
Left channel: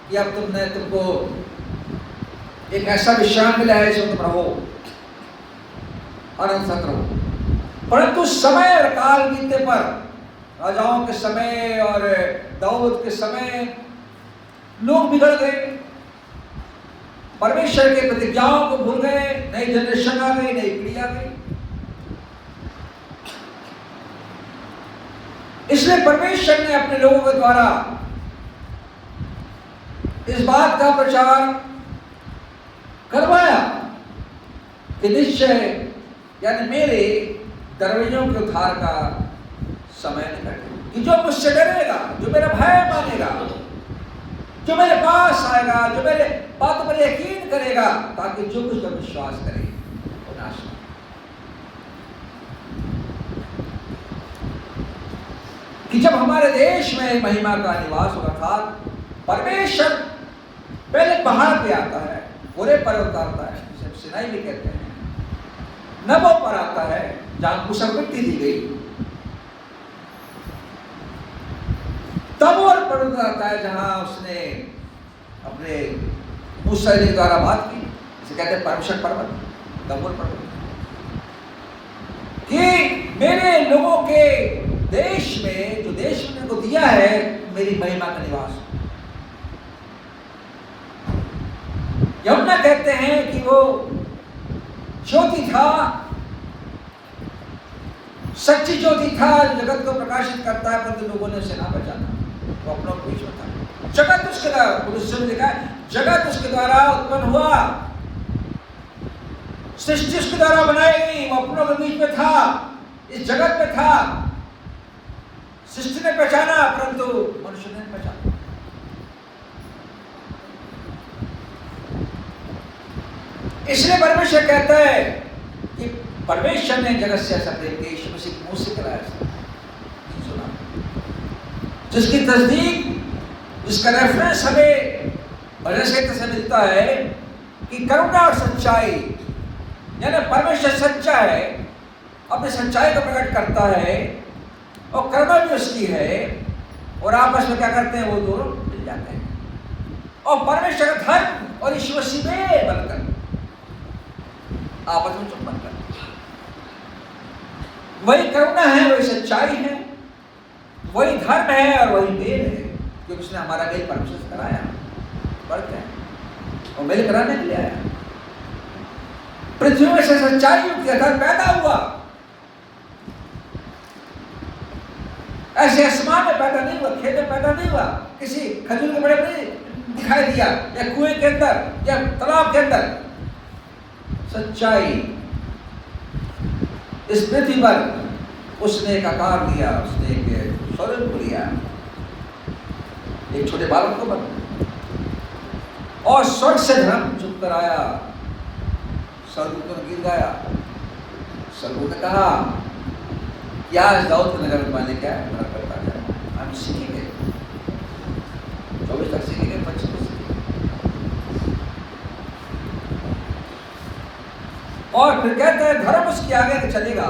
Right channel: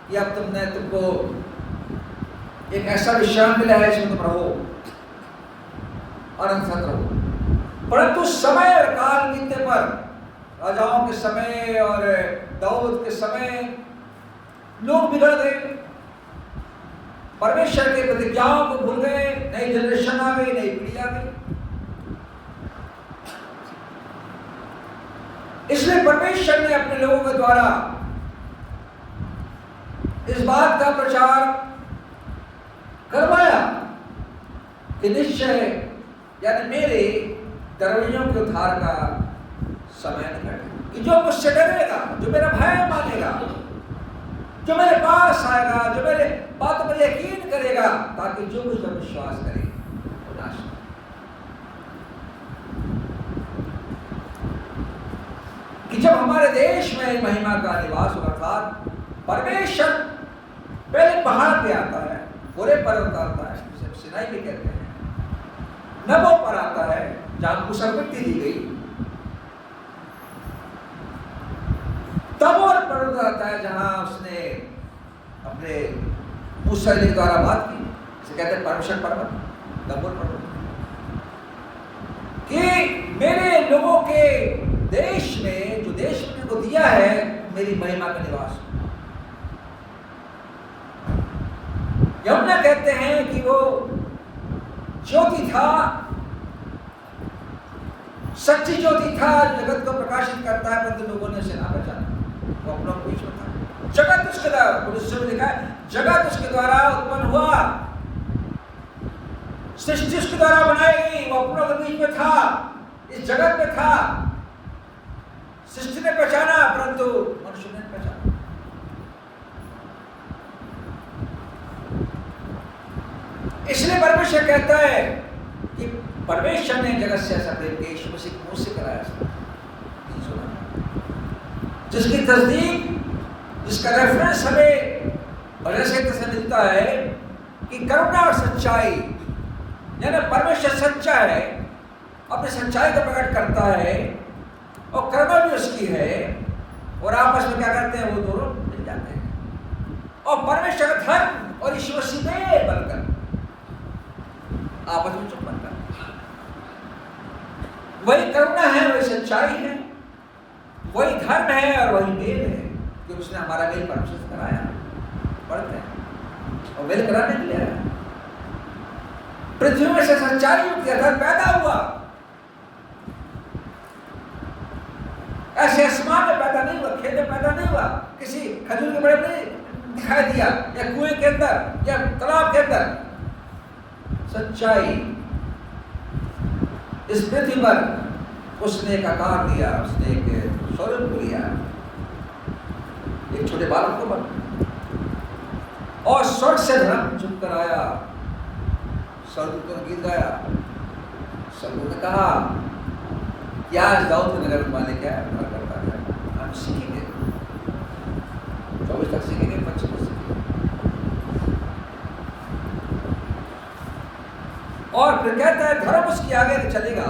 कि अब तुमको एक ऐसा विश्राम मिला है जिसमें तुम रहो, अनंत तक रहो। परंतु समय और काल बीतने पर, राजाओं के समय और दाऊद के समय, लोग बिगड़ गए, परमेश्वर के प्रतिज्ञाओं को भूल गए। नई जनरेशन आ गई, नई पीढ़ी आ गई। इसलिए परमेश्वर ने अपने लोगों के द्वारा इस बात का प्रचार करवाया कि निश्चय यानी मेरे डरवैयों के उद्धार का समय निकट है, कि जो मुझसे डरेगा, जो मेरा भय मानेगा, जो मेरे पास आएगा, जो मेरे बातों पर यकीन करेगा, ताकि जो कुछ पर विश्वास करे वो नाश न हो। कि जब हमारे देश में महिमा का निवास होगा, अर्थात परमेश्वर पहले पहाड़ पे आता है, पूरे पर्वत आता है जिसे सिनाई भी कहते हैं, नबो पर आता है जहां मूसा को मिट्टी दी गई, तबोर पर्वत आता है जहां उसने अपने मूसा के द्वारा बात की, जिसे कहते हैं परमेश्वर पर्वत, तबोर पर्वत। कि मेरे लोगों के देश में, जो देश मैंने उनको दिया है, मेरी महिमा का निवास। यमुना कहते हैं कि वो ज्योति था, सच्ची ज्योति था, जगत को प्रकाशित करता है, परंतु लोगों ने उसे ना पहचाना, वो अपनों को बीच में था। जगत उसके द्वारा लिखा है, जगत उसके द्वारा उत्पन्न हुआ, सृष्टि उसके द्वारा बनाई गई, वो अपनों के बीच में था, इस जगत में था। सृष्टि ने पहचाना परंतु मनुष्य ने पहचाना। इसलिए परमेश्वर कहता है कि परमेश्वर ने जगत से ऐसा प्रेम किया, यीशु मसीह के मुंह से कराया, सुना, जिसकी तस्दीक, जिसका रेफरेंस हमें बरसत से मिलता है कि करुणा और सच्चाई, यानी परमेश्वर सच्चा है, अपनी सच्चाई को प्रकट करता है और करुणा भी उसकी है, और आपस में क्या करते हैं, वो दोनों मिल जाते हैं। और परमेश्वर का धर्म और यीशु मसीह में बनकर आपस में चुंबन कर, वही करुणा है, वही सच्चाई है, वही धर्म है और वही मेल है, जो उसने हमारा मेल परमेश्वर से कराया, बढ़ते हैं और मेल कराने के लिए आया। पृथ्वी में से सच्चाई युक्त धर्म पैदा हुआ, ऐसे आसमान में पैदा नहीं हुआ, खेत में पैदा नहीं हुआ, किसी खजूर के पेड़ में दिखाई दिया, या कुएं के अंदर या तालाब के अंदर। सच्चाई इस पृथ्वी पर उसने एक आकार लिया, उसने एक स्वरूप लिया, एक छोटे बालक को बन, और स्वर्ग से धर्म चुप कर आया, स्वर्गदूतों ने गीत गाया, स्वर्गदूत ने कहा क्या इस दाऊद को नगर माने क्या है, करता क्या है, हम सीखेंगे, 24 तक सीखेंगे, 25 तक सीखेंगे। और फिर कहता है धर्म उसके आगे चलेगा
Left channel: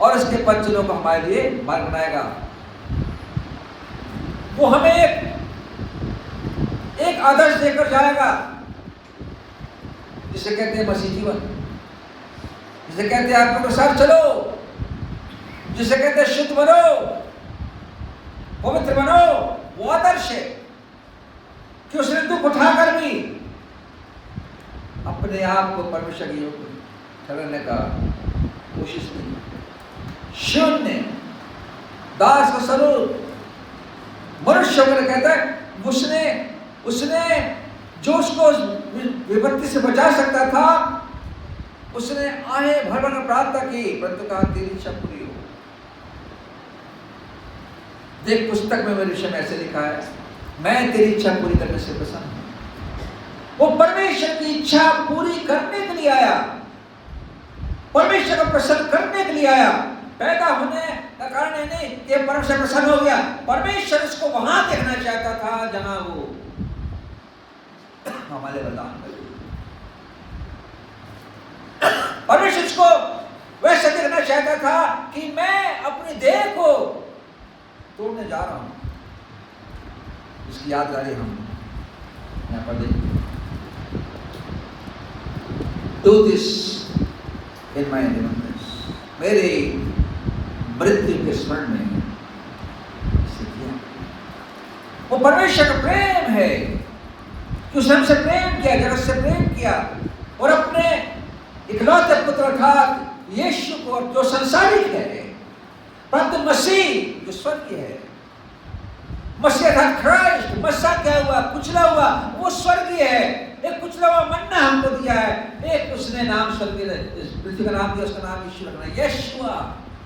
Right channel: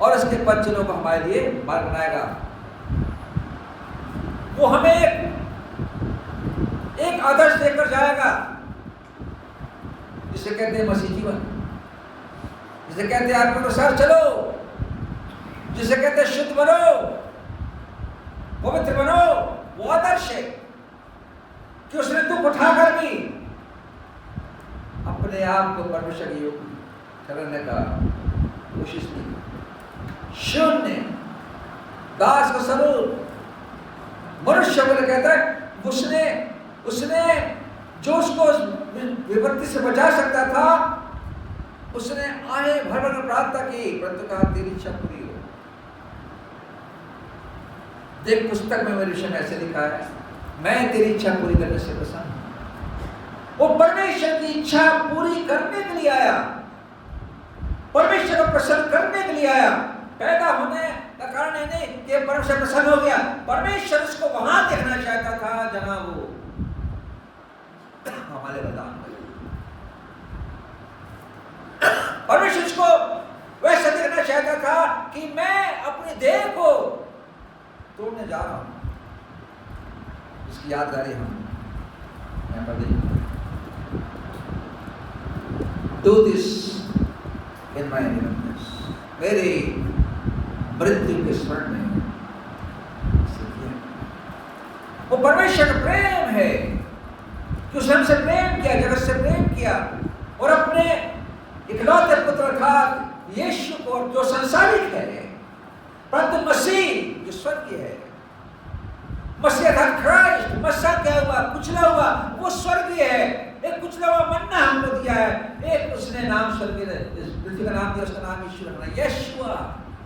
और इसके बच्चों को हमारे लिए मार्ग बनाएगा। वो हमें एक आदर्श देकर जाएगा जिसे कहते हैं मसीह जीवन, जिसे कहते हैं आत्मा के साथ चलो, जिसे कहते हैं शुद्ध बनो, पवित्र बनो। वो आदर्श है कि उसने दुख उठाकर भी अपने आप को परमेश्वर के योग्य ठहराने का कोशिश की। शून्य दास का स्वरूप मनुष्य को कहता है उसने जो उसको विपत्ति से बचा सकता था, उसने आहे भर भर प्रार्थना की, परंतु कहा तेरी इच्छा पूरी हो। देख पुस्तक में मेरे विषय में ऐसे लिखा है, मैं तेरी इच्छा पूरी करने से प्रसन्न हूं। वो परमेश्वर की इच्छा पूरी करने के लिए आया, परमेश्वर को प्रसन्न करने के लिए आया। पैदा होने का कारण है नहीं कि परमेश्वर प्रसन्न हो गया, परमेश्वर उसको वहां देखना चाहता था जहां वो हमारे बलिदान कर। परमेश्वर उसको वैसा देखना चाहता था कि मैं अपनी देह को तोड़ने जा रहा हूं। इसकी यादगारी हम यहां पर देखें। Do this in my remembrance, मेरे मृत्यु के स्मरण में इसे किया। वो परमेश्वर का प्रेम है कि उसने हमसे प्रेम किया, जगत से प्रेम किया और अपने इकलौते पुत्र अर्थात यीशु को, जो संसारिक है परंतु मसीह जो स्वर्गीय है, मसीह अर्थात क्राइस्ट, मसीह क्या हुआ, कुचला हुआ, वो स्वर्गीय है। एक कुचला हुआ मन्ना हमको दिया है, एक उसने नाम स्वर्गीय पृथ्वी का नाम दिया, उसका नाम यीशु रखना, यीशुआ,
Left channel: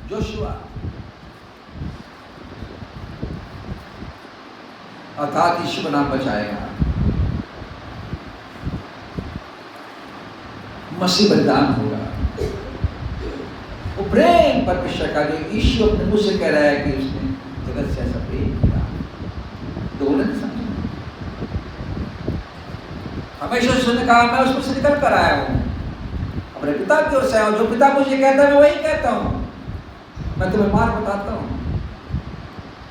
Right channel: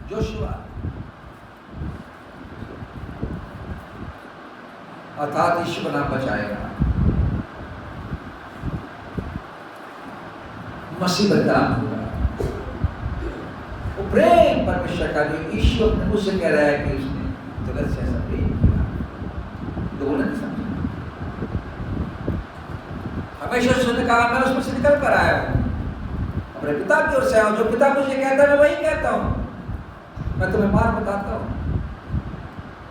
जोशुआ, अर्थात यीशु का नाम बचाएगा। मसीह बलिदान होगा। वो प्रेम परमेश्वर का जो यीशु अपने मुंह से कह रहा है कि उसने जगत से ऐसा प्रेम किया, तो वो नहीं समझे। हमेशा उसने कहा मैं उसमें से निकल कर आया हूं, अपने पिता की ओर से आया हूं, जो पिता मुझे कहता है मैं वही कहता हूं। मैं तुम्हें मार्ग बताता हूं,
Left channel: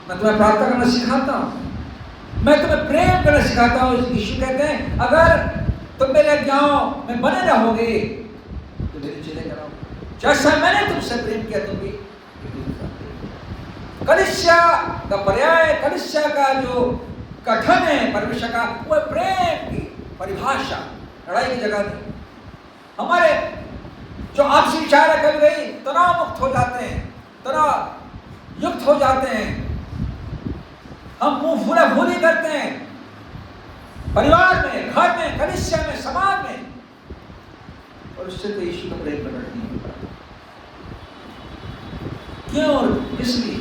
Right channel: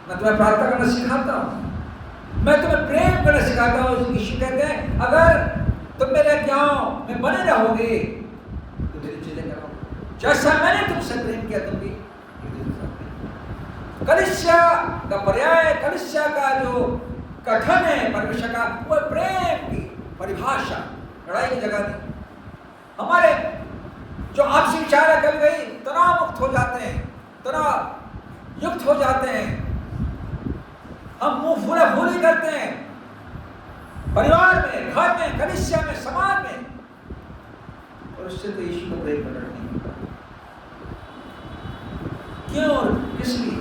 मैं तुम्हें प्रार्थना करना सिखाता हूं, मैं तुम्हें प्रेम करना सिखाता हूं। यीशु कहते हैं अगर तुम मेरे आज्ञाओं में बने रहोगे तो मेरे चेले कराओगे, जैसा मैंने तुमसे प्रेम किया तुम भी। कलीसिया का पर्याय, कलीसिया का जो कथन है परमेश्वर का, वो प्रेम की परिभाषा, लड़ाई की जगह नहीं। हमारे जो आपसी विचार है कभी कभी तनाव मुक्त हो जाते हैं, तनाव युक्त हो जाते हैं, हम मुंह फूला फूली करते हैं परिवार में, घर में, कलीसिया में, समाज में, और उससे तो यीशु का प्रेम प्रकट नहीं होता। क्यों और इसलिए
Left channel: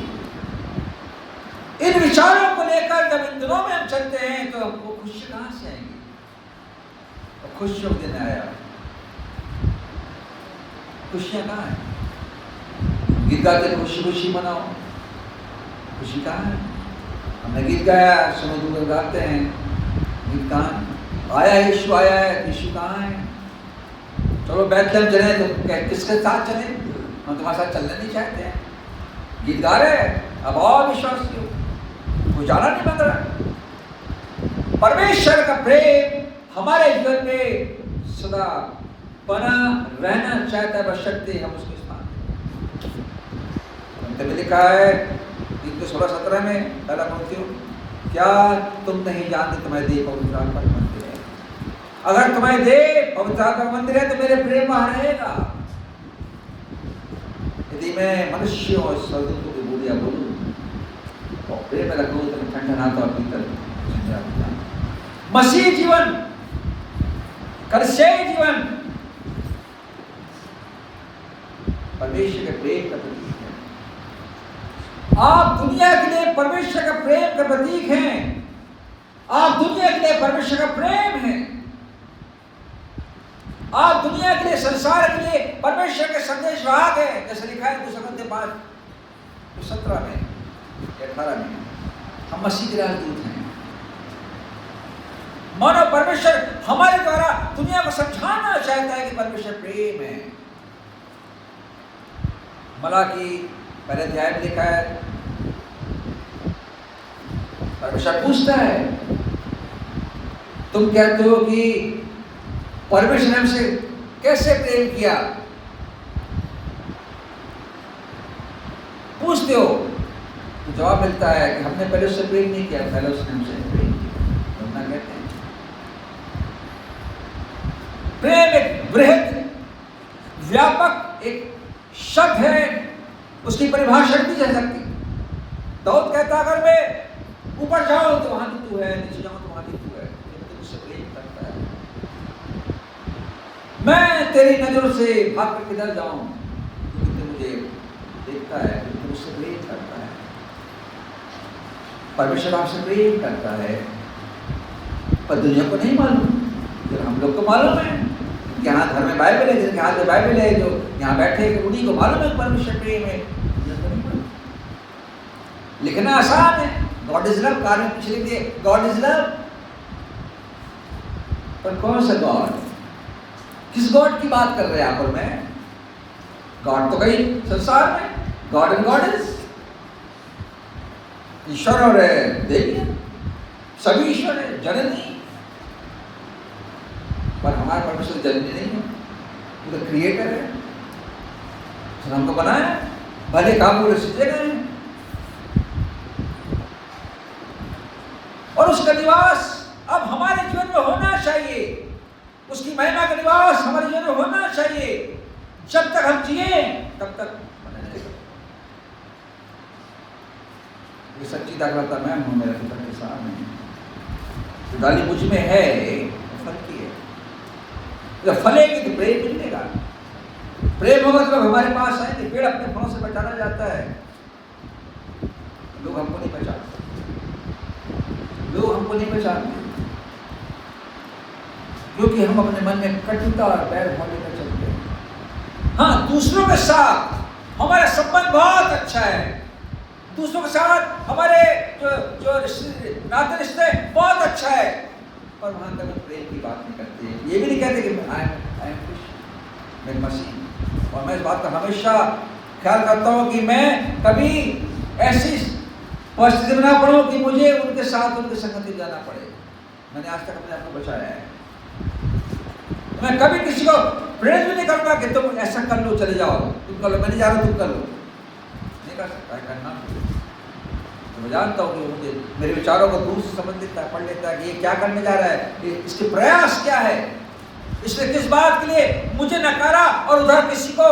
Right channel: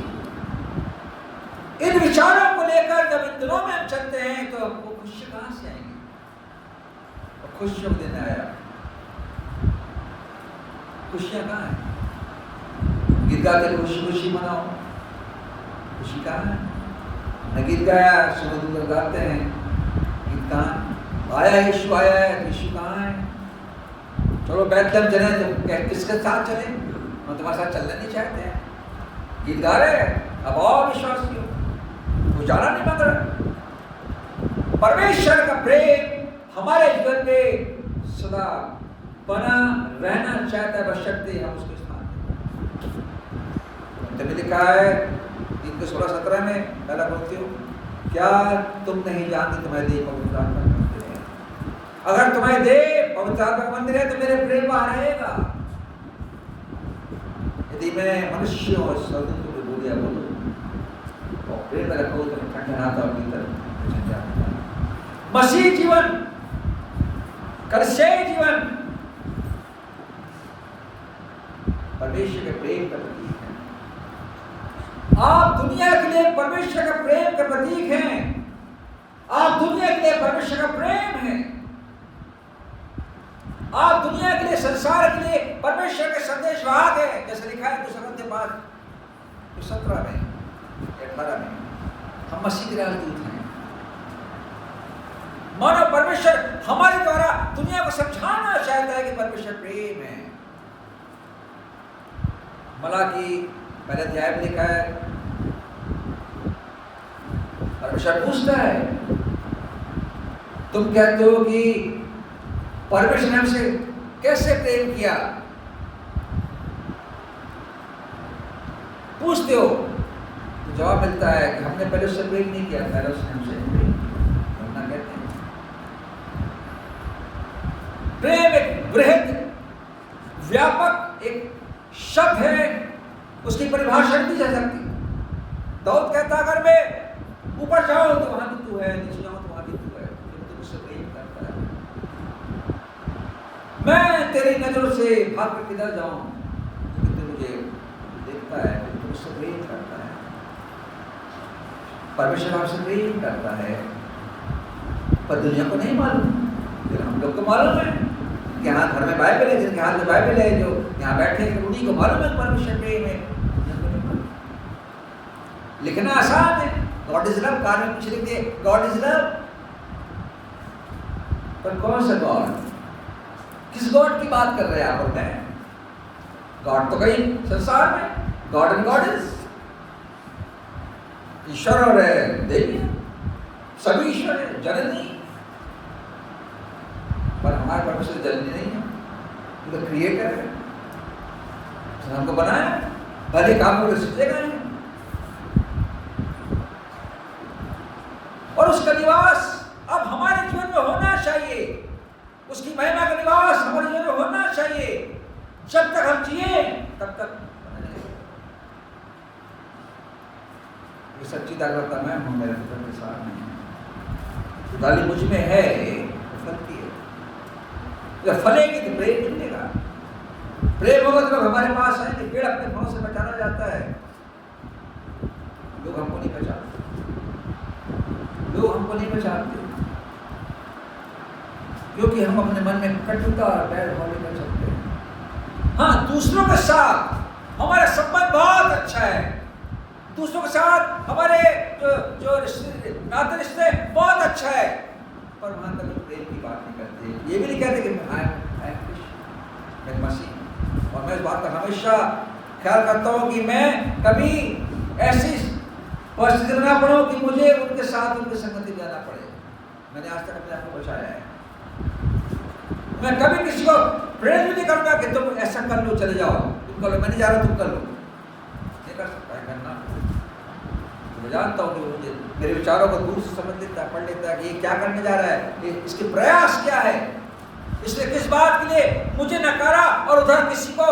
इन विचारों को लेकर जब इन दिनों में हम चलते हैं तो हमको खुशी कहां से आएंगी? और खुशियों देने आया, खुशियां कहां है? गीत गाते खुशी खुशी मनाओ, खुशी कहां है? हमने गीत गाया, सुनो दूर गाते हैं, गीत कहां है? आया यीशु आया है, यीशु कहां है? चलो बैतलहम चले, तो किसके साथ चले? हम तुम्हारे साथ चलना नहीं चाहते हैं, गीत गा रहे हैं, अब और विश्वास क्यों? वो जाना नहीं मांग रहा। परमेश्वर का प्रेम हमारे जीवन में सदा बना रहना चाहता है, बशर्ते हम उसको स्थान दें। तभी लिखा है 16-17 में पहला पंक्ति, क्या तुम नहीं जानते तुम्हारे देह पवित्र आत्मा का मंदिर है? अगर तुम्हारे देह पवित्र आत्मा का मंदिर है तो मेरे प्रेम वहां रहेगा। यदि मैं मनुष्यों और स्वर्गदूतों की बोलियां बोलूं और प्रेम में रखूं तो मैं ठंडनाता और भीतर ठंडा होता है। मसीह जीवन, कलीसियाई जीवन परमेश्वर के प्रेम का प्रतीक है। आप दुनिया के लिए परमेश्वर का प्रेम का प्रतीक हैं। आप दुनिया के लिए परमेश्वर का प्रेम है। आप दुनिया के लिए, संसार के लिए परमेश्वर के संदेश वाहक है। जैसे लिखा है 2 Corinthians 5:17 में, 18 में, हम मसीह के राजदूत हैं। मानो परमेश्वर हमारे द्वारा दुनिया को समझाना चाहता है कि परमेश्वर प्रेम है। मलाकी पहले अध्याय में लिखा है, परमेश्वर पूछता है, तुम कहते हो कि परमेश्वर ने हमसे कैसे प्रेम किया? पूछते हो तो जवाब मिलता है कि हमने पहले उससे प्रेम नहीं किया, पहले उसने हमसे प्रेम किया। तो ना कहते हैं प्रेम एक बृहद व्यापक एक शब्द है, उसकी परिभाषा नहीं जा सकती। दाऊद कहता अगर मैं ऊपर जाऊं तो वहां भी तू है, नीचे जाऊं तो वहां भी तू है, तो मुझसे प्रेम करता है। मैं तेरी नजरों से भाग कर किधर जाऊं, तू मुझे देखता है, तू मुझसे प्रेम करता है। परमेश्वर आपसे प्रेम करता है, पर दुनिया को नहीं मालूम, लेकिन हम लोग को मालूम है। यहाँ घर में बाइबल है, जिनके हाथ में बाइबल है, जो यहाँ बैठे हैं उन्हीं को मालूम है परमेश्वर प्रेम है, दुनिया को नहीं मालूम। लिखना आसान है, गॉड इज लव, कार्य कुछ लिख दिए गॉड इज लव, पर कौन सा गॉड, किस गॉड की बात कर रहे हैं यहाँ पर? मैं गॉड तो कई संसार में, गॉड एंड गॉडेस, ईश्वर और देवी, सभी ईश्वर है, जननी। पर हमारे परमेश्वर जननी नहीं है, वो तो क्रिएटर है, उसने हमको बनाया, भले काम पूरे सीखे गए हैं, और उसका निवास अब हमारे जीवन में होना चाहिए, उसकी महिमा का निवास हमारे जीवन में होना चाहिए। जब तक हम जिए तब तक ये सच्ची दाखलता मैं हूं, मेरे पिता के साथ नहीं, तो डाली मुझ में है, फल की है। जब फलेगी तो प्रेम मिलेगा, प्रेम होगा तो लोग हमारे पास आएंगे। पेड़ अपने फलों से पहचाना जाता है, लोग हमको नहीं पहचानते, लोग हमको नहीं पहचानते, क्योंकि हम अपने मन में कटुता और बैर भाव लेकर चलते हैं। हाँ, दूसरों के साथ हमारा संबंध बहुत अच्छा है, दूसरों के साथ हमारे जो नाते रिश्ते बहुत अच्छा है, पर वहां तक प्रेम की बात नहीं करते। ये भी नहीं कहते कि आई एम क्रिश्चियन, मैं मसीह। और मैं इस बात का हमेशा ख्याल करता हूँ कि मैं कभी ऐसी परिस्थिति में ना पड़ूं कि मुझे उनके साथ उनके संगति जाना पड़े। मैंने आज तक अपने आप को बचाया है। मैं कभी किसी को प्रेरित भी नहीं करूंगा कि तुम ऐसा कर लो, चले जाओ, तुम कर लो, मैं नहीं जा रहा, तुम कर लो, नहीं कर सकता है करना। तो मैं जानता हूँ कि मुझे मेरे विचारों को दूर से समझ लेता है, पढ़ लेता है कि ये क्या करने जा रहा है, इसके प्रयास क्या है, इसने किस बात के लिए मुझे नकारा और उधर किसी को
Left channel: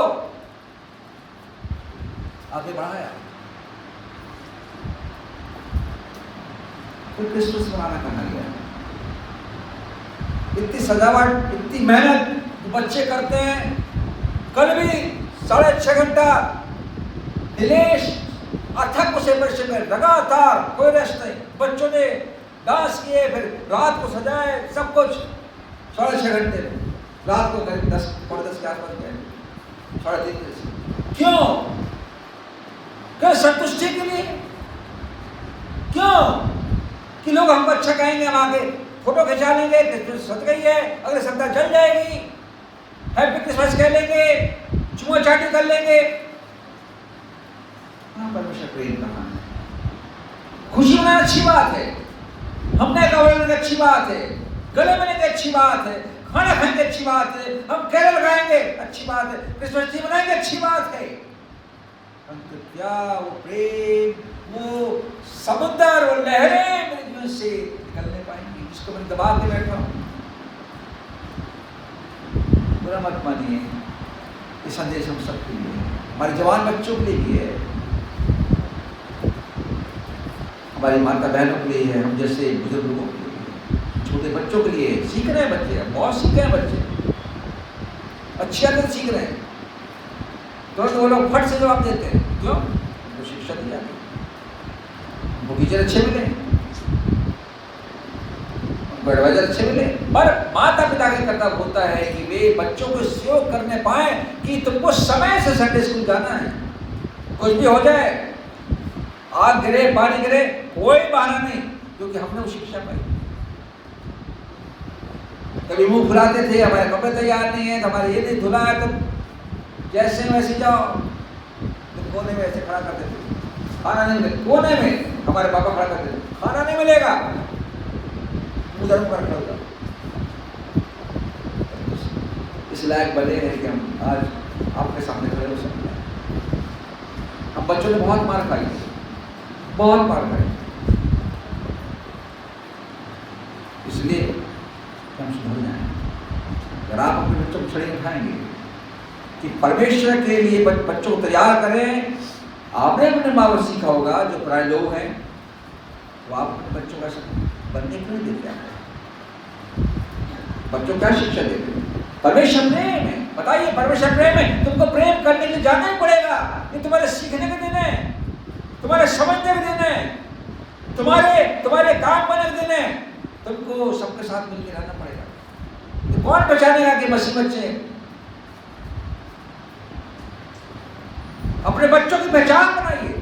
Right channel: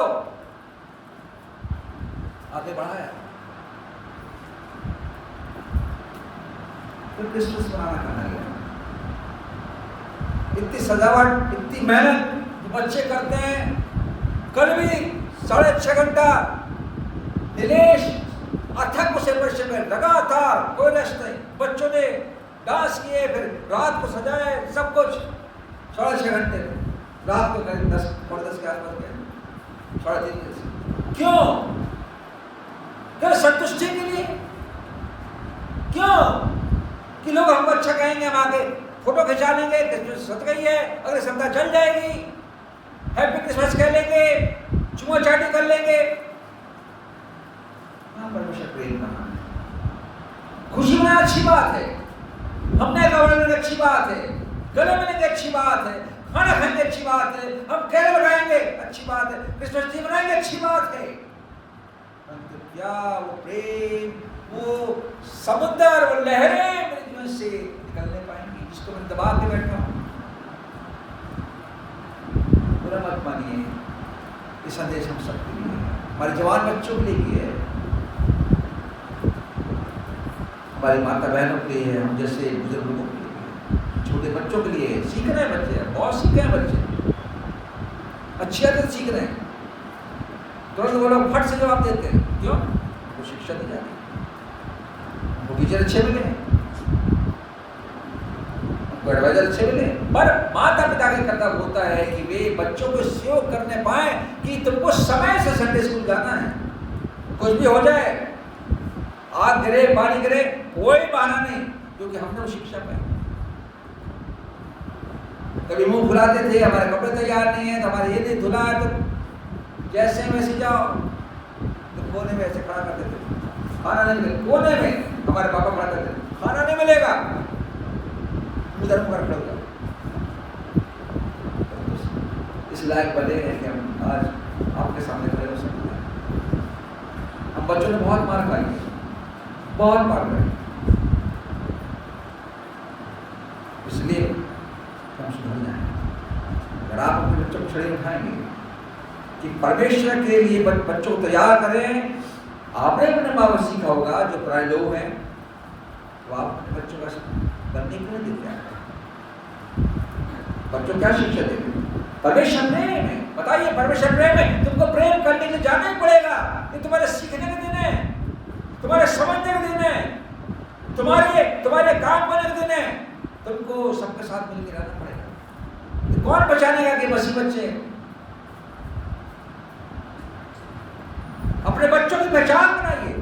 आगे बढ़ाया। फिर क्रिसमस बनाना कहाँ गया? इतनी सजावट, इतनी मेहनत जो बच्चे करते हैं। कल भी 6.5 घंटा दिनेश अथक उसे परिश्रम में लगातार, कोई रेस्ट नहीं, बच्चों ने डांस किए, फिर रात को सजाए, सब कुछ 6.5 घंटे में। रात को करीब 10 के आसपास गए, 3:30। क्यों? क्या संतुष्टि के लिए? क्यों कि लोग हमको अच्छा कहेंगे, हम आगे फोटो खिंचा लेंगे, क्रिसमस सज गई है, अगले सप्ताह जल जाएगी, हैप्पी क्रिसमस कह लेंगे, चुमा चाटी कर लेंगे। परमेश्वर प्रेम कहाँ है? खुशी मनाना अच्छी बात है, हमने कवर लेना अच्छी बात है, गले मिलेंगे अच्छी बात है, खाना खाएंगे अच्छी बात है, हम कैरल लगाएंगे अच्छी बात है, क्रिसमस ट्री बनाएंगे अच्छी बात है। परंतु क्या वो प्रेम, वो समुद्र और लहरें मेरे जीवन से निकलने पाएंगी जिसको मैं दबा के बैठा हूं? बुरा मत मानिए, ये संदेश हम सबके लिए है, हमारे जवान बच्चों के लिए है, हमारी माता बहनों के लिए है, हम जैसे बुजुर्ग लोगों के लिए है, छोटे बच्चों के लिए सीख रहे हैं बच्चे, बहुत सीख रहे हैं बच्चे, अच्छी आदत सीख रहे हैं। तुरंत वो लोग फट से जवाब देते हैं, क्यों? उनको शिक्षा दी जाती है, उनको टीचर अच्छे मिले, उनको एडवाइजर अच्छे मिले। पर माता पिता का कर्तव्य होता है कि वे बच्चों को सहयोग करने पाए कि तुमको समय से संडे स्कूल जाना है, कुछ भी हो जाए, आग गिरे, पानी गिरे, कोई बहाना नहीं, क्योंकि हमने वो शिक्षा पाई। कभी मुंह फुलाते थे, हमारे कपड़े तैयार नहीं है तो हमारे ये नहीं धुला है, तो जैसे वैसे जाओ, तो कोने में ऐसे खड़ा करते थे, खाना नहीं मिलेगा। कोने में हमारे पापा खड़ा करते थे, खाना नहीं मिलेगा, उधर मुकर खड़ा होता। इस लायक बने हैं कि हम आज आपके सामने खड़े हो सकते हैं। हम बच्चों ने बहुत मार खाई, बहुत मार खाई, इसलिए हम सुधर जाएं। अगर आप अपने बच्चों को छड़ी उठाएंगे कि परमेश्वर के लिए बच्चों को तैयार करें, आपने अपने माँ बाप सीखा होगा जो पराये लोग हैं, तो आप अपने बच्चों का बनने क्यों नहीं देते? बच्चों क्या शिक्षा देते? परमेश्वर प्रेम है। बताइए, परमेश्वर प्रेम है, तुमको प्रेम करने के लिए जाना ही पड़ेगा। ये तुम्हारे सीखने के दिन है, तुम्हारे समझने के दिन है, तुम्हारे काम करने के दिन है। तुमको सबके साथ मिलकर रहना पड़ेगा। तो कौन पहचानेगा कि मसीह बच्चे? अपने बच्चों की पहचान बनाइए,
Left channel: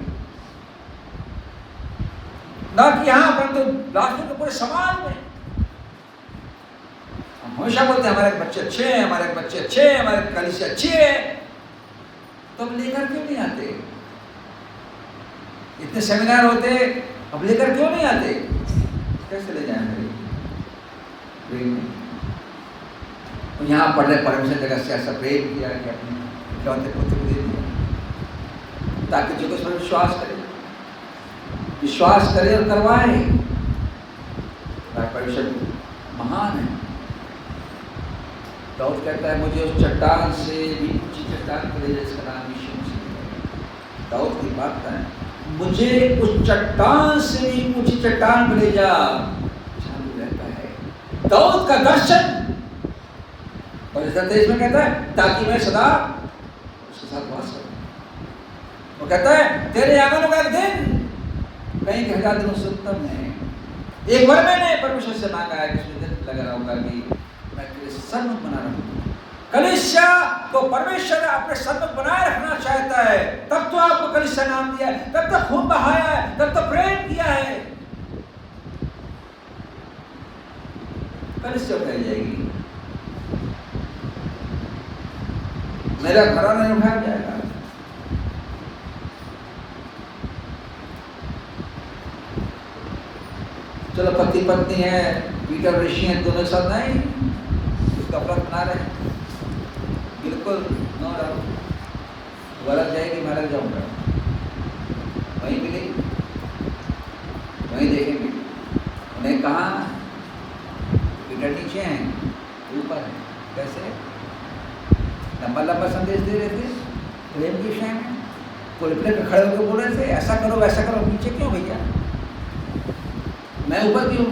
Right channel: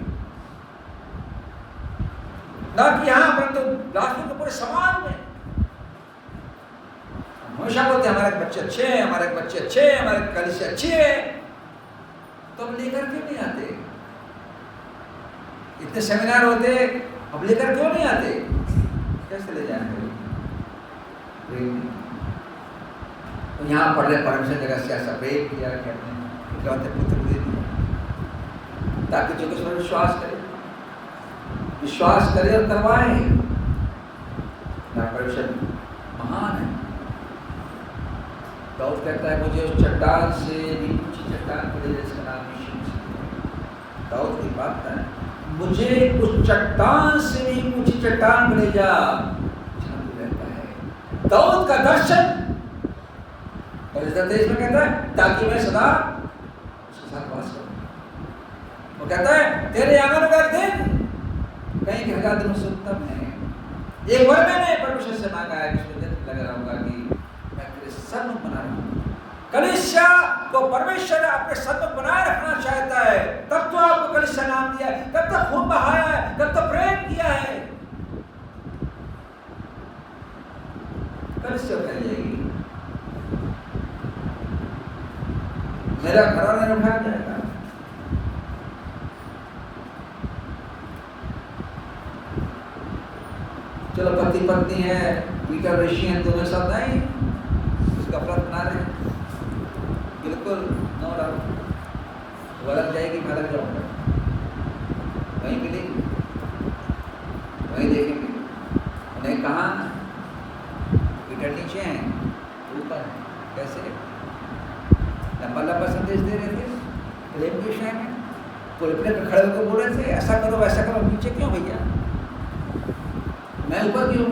ना कि यहां परंतु राष्ट्र के पूरे समाज में। हम हमेशा बोलते हैं हमारे बच्चे अच्छे हैं, हमारे बच्चे अच्छे हैं, हमारे कलीसिया अच्छी है, तो हम लेकर क्यों नहीं आते? इतने सेमिनार होते, अब लेकर क्यों नहीं आते? कैसे ले जाएंगे? तो यहाँ पढ़ रहे परमेश्वर जगह से ऐसा प्रेम किया कि अपने इकलौते पुत्र को दे दिया, ताकि जो कुछ विश्वास करे और करवाए। परमेश्वर महान है। दाऊद कहता है, मुझे उस चट्टान से भी ऊंची चट्टान को ले जाए जिसका नाम यीशु मसीह। दाऊद की बात है, मुझे उस चट्टान से भी ऊंची चट्टान को ले जा। चालू रहता है दाऊद का दर्शन। और इस देश में कहता है, ताकि मैं सदा उसके साथ वास करूं। वो कहता है, तेरे आंगनों का दिन कहीं के 1000 दिनों से उत्तम है। एक बार मैंने परमेश्वर से मांगा है कि मुझे दिन लगा रहूंगा कि मैं तेरे सन्मुख बना रहूंगा। कलीसिया को परमेश्वर अपने सन्मुख बनाए रखना चाहता है, तब तो आपको कलीसिया नाम दिया है, तब तो खून बहाया है, तब तो प्रेम किया है। कलीसिया कह जाएगी, मेरा घराना नहीं उठा जाएगा। चलो पति पत्नी है, पीटर रशियन दोनों एक साथ नहीं, उसका अपराध बना रहे हैं, बिल्कुल नो डाउट। वो अलग जाएगी, मैं अलग जाऊंगा, वहीं मिलेगी, वहीं देखेंगे। उन्हें कहा पीटर नीचे हैं, ऊपर है। कैसे लंबा लंबा संदेश दे रहे थे प्रेम की विषय में, पुलपिट पे खड़े होकर बोल रहे थे, ऐसा करो वैसा करो। नीचे क्यों भैया? मैं ऊपर क्यों?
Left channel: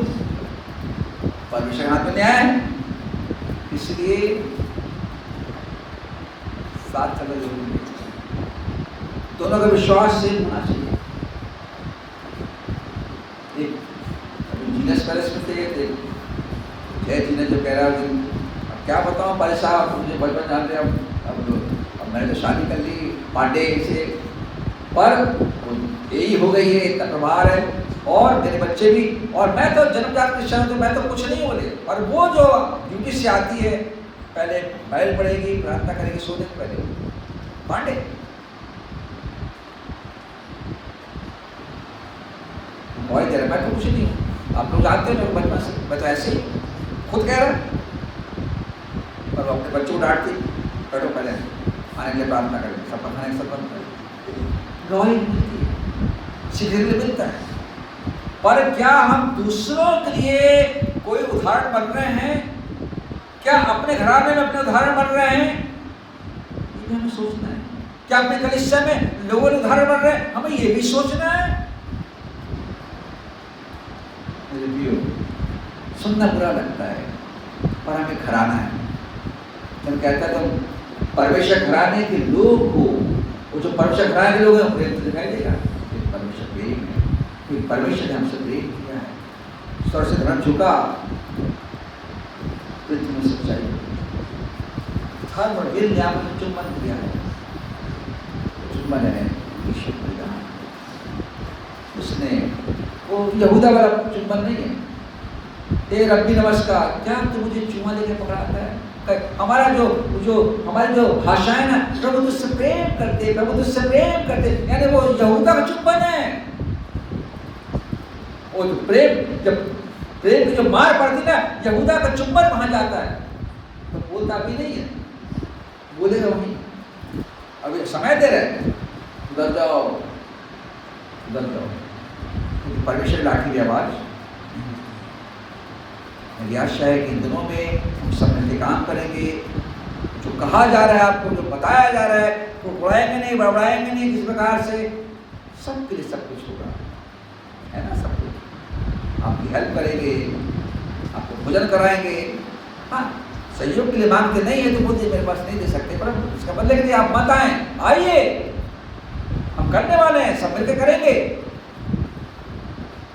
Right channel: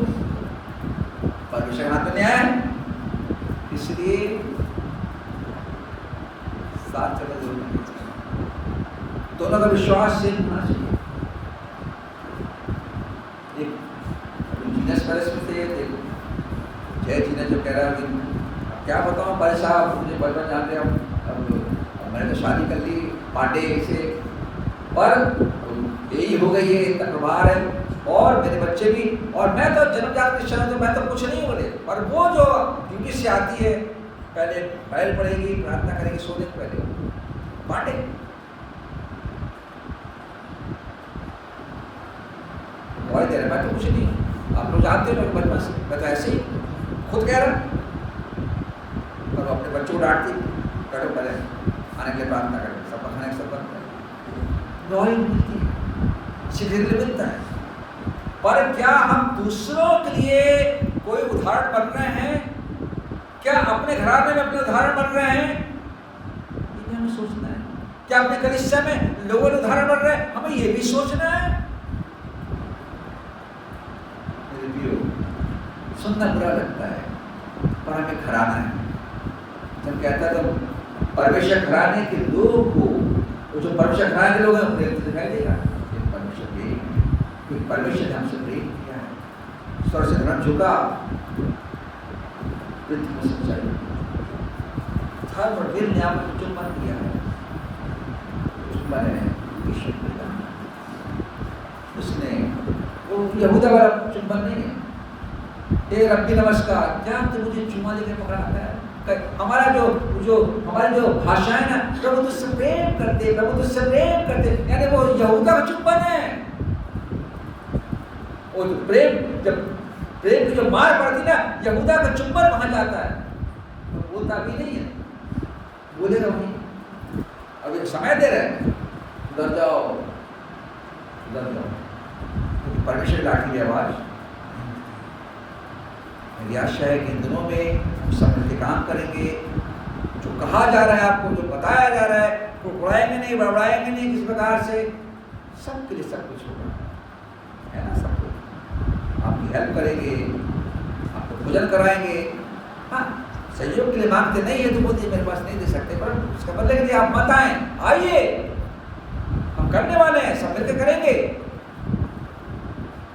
परमेश्वर हाथ में न्याय है, इसलिए साथ चलो जरूर। दोनों का विश्वास से होना चाहिए। एक जीनस पैलेस में थे, जय जीनस जो कह रहा है, अब क्या बताऊं भाई साहब, मुझे बचपन जानते हैं, अब मैंने तो शादी कर ली पांडे से, पर यही हो गई है, इतना प्रभार है, और मेरे बच्चे भी, और मैं तो जन्मजात क्रिश्चियन हूं, तो मैं तो कुछ नहीं बोले। और वो जो ड्यूटी से आती है, पहले बाइबल पढ़ेगी, प्रार्थना करेगी सोने से पहले, पांडे। बहुत देर मैं तो कुछ नहीं हूँ, आप लोग जानते हो मेरे बचपन से, मैं तो ऐसे ही खुद कह रहा, और वो अपने बच्चों को डांटती, बैठो पहले आने के लिए प्रार्थना करें, सब खाने के सब बंद करें। रोई मिलती है, सीखने के लिए मिलता है। पर क्या हम दूसरों के लिए कोई उदाहरण बन रहे हैं? क्या अपने घराने में अपने उदाहरण बन रहे हैं? ये हमें सोचना है। क्या अपने कलीसिया में लोगों ने उदाहरण बन रहे हैं? हमें ये भी सोचना है। सुनना बुरा लगता है, पर हमें घराना है। जब कहता है तो परमेश्वर घराने के लोग को, वो जो परमेश्वर घराने के लोग हैं, प्रेम से दिखाई देगा। परमेश्वर प्रेम है, कि परमेश्वर ने हमसे प्रेम किया है, स्वर से धर्म झुका, पृथ्वी में सच्चाई, धर्म और वीर ने आपको चुम्बन किया है। चुम्बन है ईश्वर का दान। उसने वो यहूदा वाला चुम्बन नहीं है, ए रब्बी नमस्कार, क्या तू मुझे चुमा लेके पकड़ाता है? हमारा जो हमारी जो भाषा है ना, प्रभु तुझसे प्रेम करते, प्रभु तुझसे प्रेम करते, यानी वो यहूदा का चुंबन है। वो जो प्रेम की जो मार पड़ती ना, यहूदा का चुंबन वहां जाता है, तो बोलता भी नहीं है, बोलेगा वहीं। अभी समय दे रहे, उधर जाओ उधर जाओ, क्योंकि परमेश्वर की लाठी की आवाज। मेरी आशा है कि इन दिनों में हम सब मिलकर काम करेंगे। जो कहा जा रहा है आपको, जो बताया जा रहा है, तो उड़ाएंगे नहीं, बड़बड़ाएंगे नहीं किसी प्रकार से, सबके लिए सब कुछ होगा, है ना। सब कुछ आपकी हेल्प करेंगे, आपको भोजन कराएंगे। हाँ, सहयोग के लिए मांगते नहीं है तो बोलते मेरे पास नहीं दे सकते, परंतु इसका मतलब कि आप मत आए, आइए, हम करने वाले हैं, सब मिलकर करेंगे,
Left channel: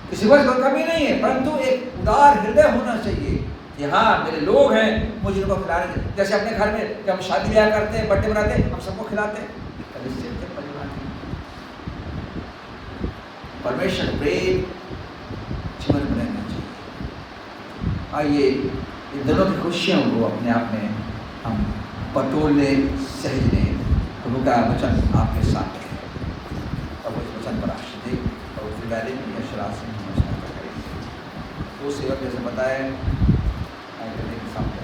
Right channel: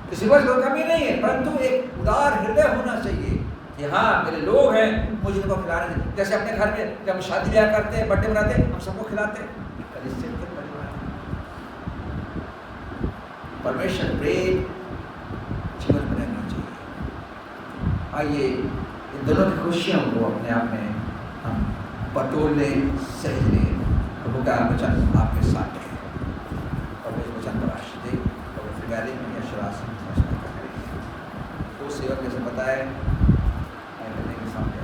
किसी पर कोई कमी नहीं है, परंतु एक उदार हृदय होना चाहिए कि हाँ मेरे लोग हैं, मुझे इनको खिलाने दें। जैसे अपने घर में जब हम शादी ब्याह करते हैं, बर्थडे मनाते हैं, हम सबको खिलाते हैं, कलिसिया के परिवार है। परमेश्वर प्रेम जीवन में रहना चाहिए। आइए इन दोनों की खुशियों को अपने आप में हम बटोर लें, सहज लें। प्रभु का वचन आपके साथ है, प्रभु इस वचन पर आशीष दे, प्रभु फिगारे में यशराज से वचन का करें। तो सेवक जैसे बताया करने के सामने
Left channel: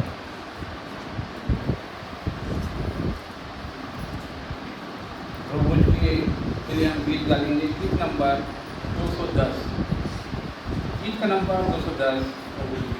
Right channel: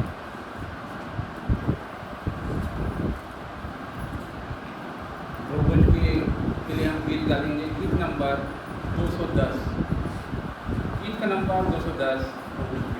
प्रभु के लिए हम गीत गाएंगे। गीत नंबर 210, गीत का नंबर 210 प्रभु जी।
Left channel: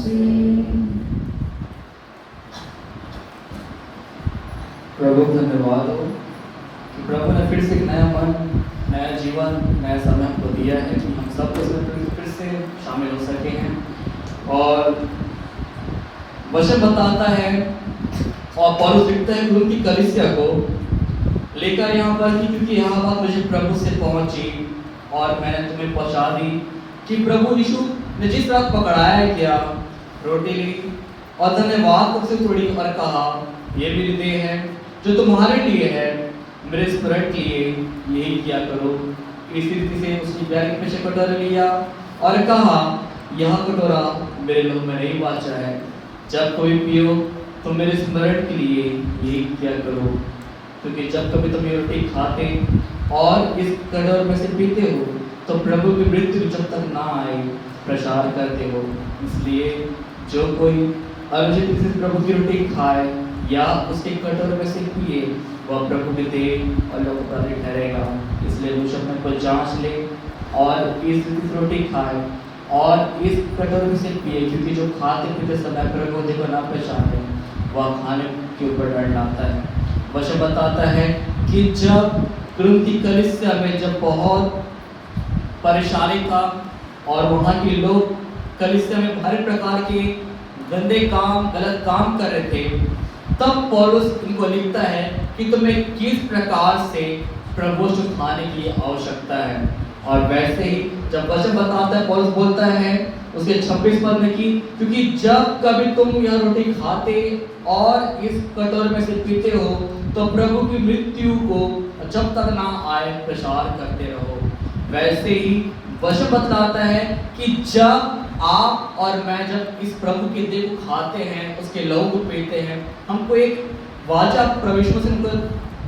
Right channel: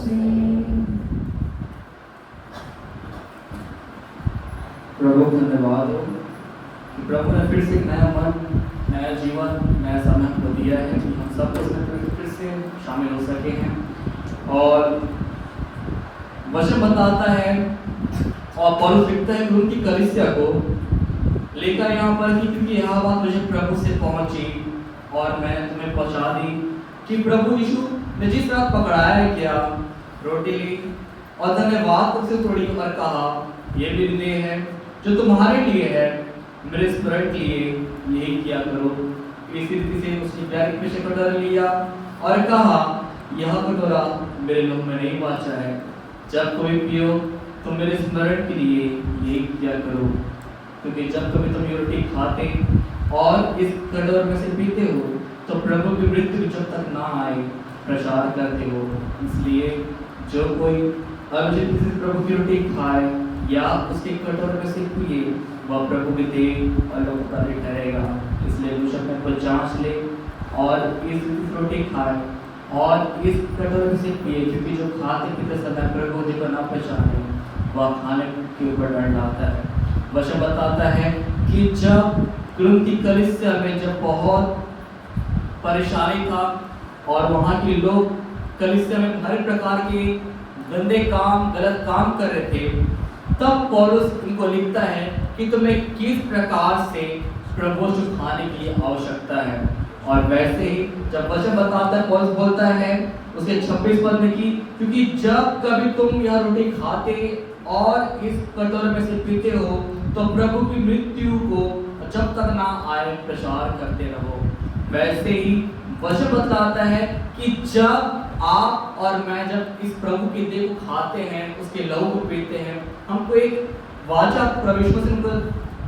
से। प्रभु धन्यवाद हो कि प्रभु ने फिर से एक नया मन, नया जीवन, नया समय हमको दिया है कि हम सब फिर से शामिल हो सके हैं। और वचन बताता है और पौलुस लिखता है कि उनकी कलीसिया को लेकर यहाँ पर कि क्योंकि यह बात मुझे प्रभु से पहुंची और मैंने तुम्हें पहुंचा दी कि प्रभु यीशु ने जिस रात पकड़ाया किया, रोटी ली और धन्यवाद करके थोड़ी और कहा, ये मेरी देह है जो तुम्हारे लिए है, मेरे स्मरण के लिए यही किया करो। इसी रीति से उसने बैग में से कटोरा लिया और कहा, यह कटोरा मेरे लहू में नहीं बाचा है, जब कोई पियो तो मेरे स्मरण के लिए यही किया करो। क्योंकि जब कभी तुम ये रोटी खाते और इस कटोरे में से पीते हो तो प्रभु की मृत्यु जब तक ना आए प्रचार करते हो। इसलिए जो कोई अनुचित रीति से प्रभु की रोटी खाए या उसके कटोरे में से पिए वह प्रभु के देह और लोगों का ठहरेगा। इसलिए वो अपने को जांच ले और इस रोटी खाए और इस कटोरे में से पिए, क्योंकि जो खाते पीते समय प्रभु जी को ना पहचाने वह खाने के ऊपर डर लाता है। वचन बताता है कि जब कुरिन्थ कलीसिया में जब बहुत परेशानी था और वहाँ के लोग कलीसिया में हर प्रकार के गंदे काम, गलत काम कर रहे थे, तब पौलुस उनको लिखता है कि तुम्हें किस प्रकार से प्रभु को खाने की आवश्यकता है। और वैसे ही जब वचन बताता है, पौलुस बोलता है उसके 26 पद में कि क्योंकि जब कभी तुम यह रोटी खाते और इस कटोरे में से पीते हो तो प्रभु की मृत्यु को जब तक ना आए प्रचार करते रहो। वैसे ही वचन बतलाता है कि जब आप और मैं जब इस प्रभु के देह को खाते हैं, उसके लहू को पीते हैं, हमको एक वाचा परमेश्वर से हमको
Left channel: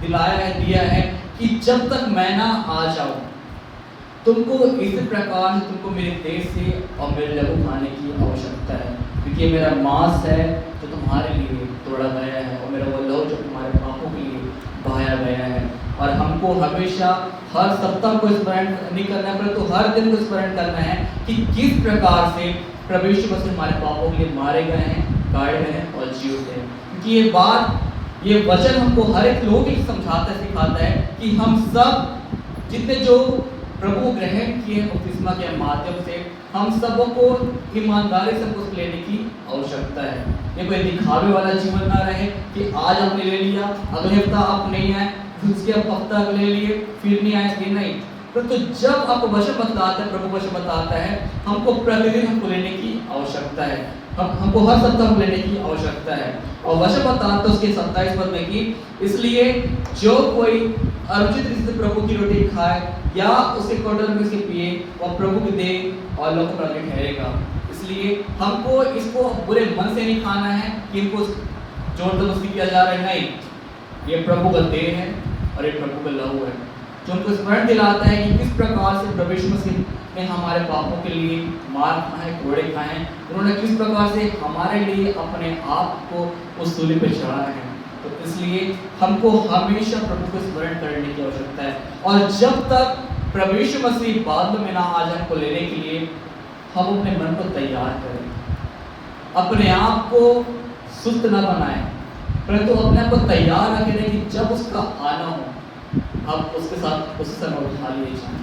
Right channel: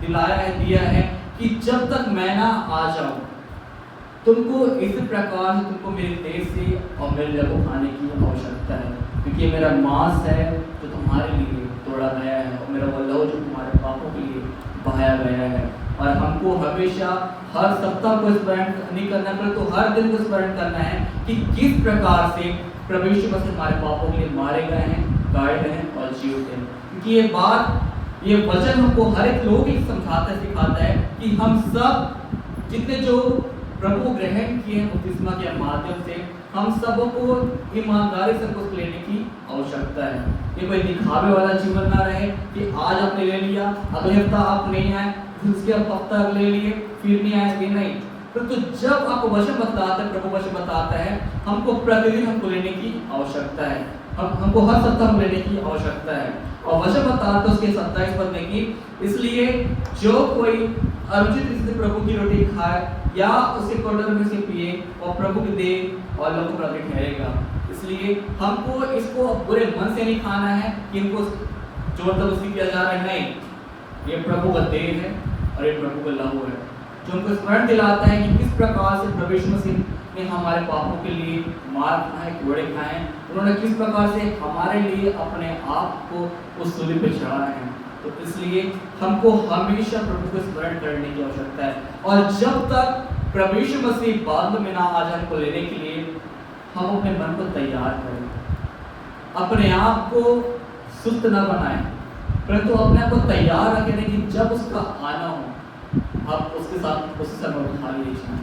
दिलाया है, दिया है कि जब तक मैं ना आ जाऊं तुमको इस प्रकार से तुमको मेरे देह से और मेरे लहू खाने की आवश्यकता है। क्योंकि मेरा मांस है जो तुम्हारे लिए तोड़ा गया है और मेरा वो लहू जो तुम्हारे पापों के लिए बहाया गया है। और हमको हमेशा हर सप्ताह को स्मरण नहीं करना है, तो हर दिन को स्मरण करना है कि किस प्रकार से प्रभु यीशु मसीह हमारे पापों के लिए मारे गए हैं, गाड़े गए हैं और जीवित हैं। क्योंकि ये बात, ये वचन हमको हर एक लोग ही समझाता है, सिखाता है कि हम सब जितने जो प्रभु ग्रहण किए बपतिस्मा के माध्यम से, हम सबों को ईमानदारी से कुछ लेने की आवश्यकता है। ये कोई दिखावे वाला जीवन ना रहे कि आज आपने ले लिया, अगले हफ्ता आप नहीं आए, उसके हफ्ता ले लिए, फिर नहीं आए, नहीं। तो जब आपको वचन बताता है, प्रभु वचन बताता है, हमको प्रतिदिन हमको लेने की आवश्यकता है, हमको हर सप्ताह लेने की आवश्यकता है। और वचन बताता है उसके 27 पद में कि इसलिए जो कोई अनुचित रीति से प्रभु की रोटी खाए या उसे कटोरे में से पिए और प्रभु के देह और लोगों पर ठहरेगा। इसलिए हमको इसको बुरे मन से नहीं खाना है कि इनको जोर जबरदस्ती किया जा रहा है, नहीं। ये प्रभु का देह है और ये प्रभु का लहू है जो हमको स्मरण दिलाता है कि किस प्रकार से प्रभु यीशु मसीह ने हमारे पापों के लिए मार खाए, कोड़े खाए, उन्होंने किस प्रकार से हमारे लिए अपने आप को उस सूली पे चढ़ाया है। तो इसलिए हमको हमेशा प्रभु को स्मरण करने की आवश्यकता है। और जब तक प्रभु यीशु मसीह बाद में ना आ जाए हमको लेने के लिए, हम अपने मन को तैयार करें, अपने आप को सुस्त न बनाएं, परंतु अपने आप को तैयार रखें कि जब उसका आना हो आप उसके साथ उस समय उठा लीजिए।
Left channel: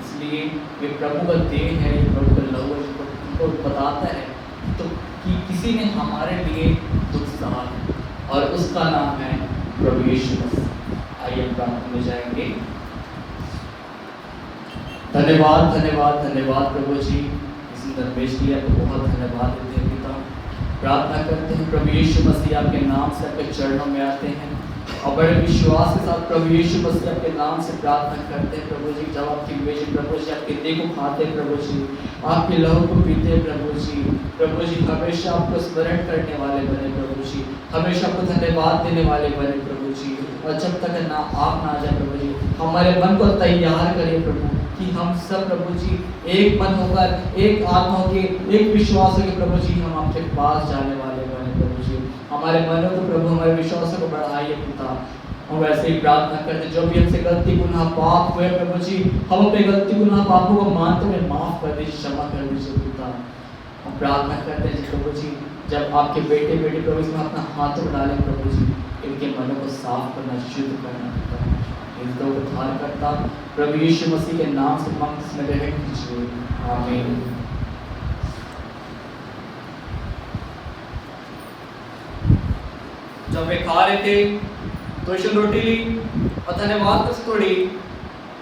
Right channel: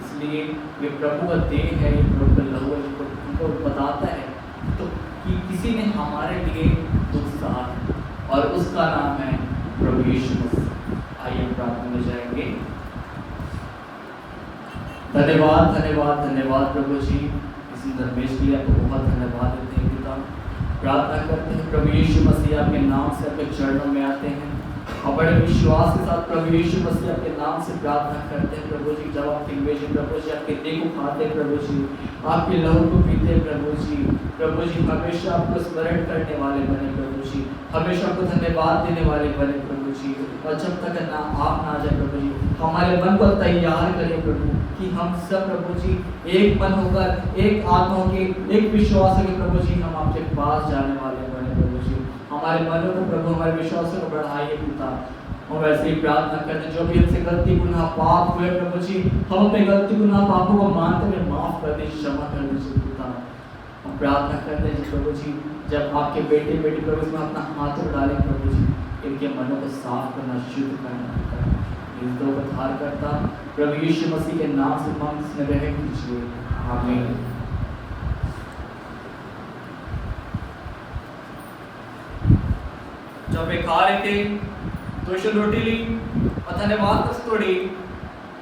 इसलिए ये प्रभु का देह है, ये प्रभु का लहू है, हमको बताता है तो कि किसी ने हमारे लिए दुख सहा और उसका नाम है प्रभु यीशु मसीह। आइए प्रार्थना में जाएंगे। धन्यवाद धन्यवाद धन्यवाद प्रभु जी, इस सुंदर मेज के लिए आपको बहुत धन्यवाद देते हैं पिता। प्रार्थना करते हैं प्रभु यीशु मसीह आपके नाम से आपके चरणों में आते हैं और बड़े विश्वास के साथ प्रभु यीशु मसीह आपके नाम से प्रार्थना करते हैं प्रभु जी। जब आपकी मेज प्रभु जी आपके देह को खाते हैं प्रभु जी, आपके लहू को पीते हैं प्रभु जी हमेशा आपको स्मरण करने वाले बने प्रभु जी, हमेशा आपको धन्यवाद देने वाले बने प्रभु जी। और जब तक ना आप ना जाए प्रभु जी, हमारे मन को तैयार करें प्रभु कि हम सब प्रभु जी एक मन होकर, एक आत्मा होकर, एक विश्वास होकर प्रभु जी हम आपके पास जाने वाले बने प्रभु जी। हमारे मनों को प्रभु, हमारे विश्वास को बढ़ाइए पिता। हम वैसे ही प्रार्थना करते जो भी हमसे गलती गुनाह पाप हुए प्रभु जी, हम अपने गलती गुनाह पापों को मानते हुए माफ कर दीजिए, क्षमा कर दीजिए पिता। हम प्रार्थना करते हैं प्रभु जी, जब आपके बेटे बेटी प्रभु जी में अपना हाथ डालें प्रभु जी, इनके मनों को साफ करना, शुद्ध करना, इस दो को धार करता प्रभु यीशु मसीह के नाम से मंत्र में रह कीजिए, आमीन। जब वे खा रहे थे तो यीशु ने रोटी ली और धन्यवाद कर तोड़ी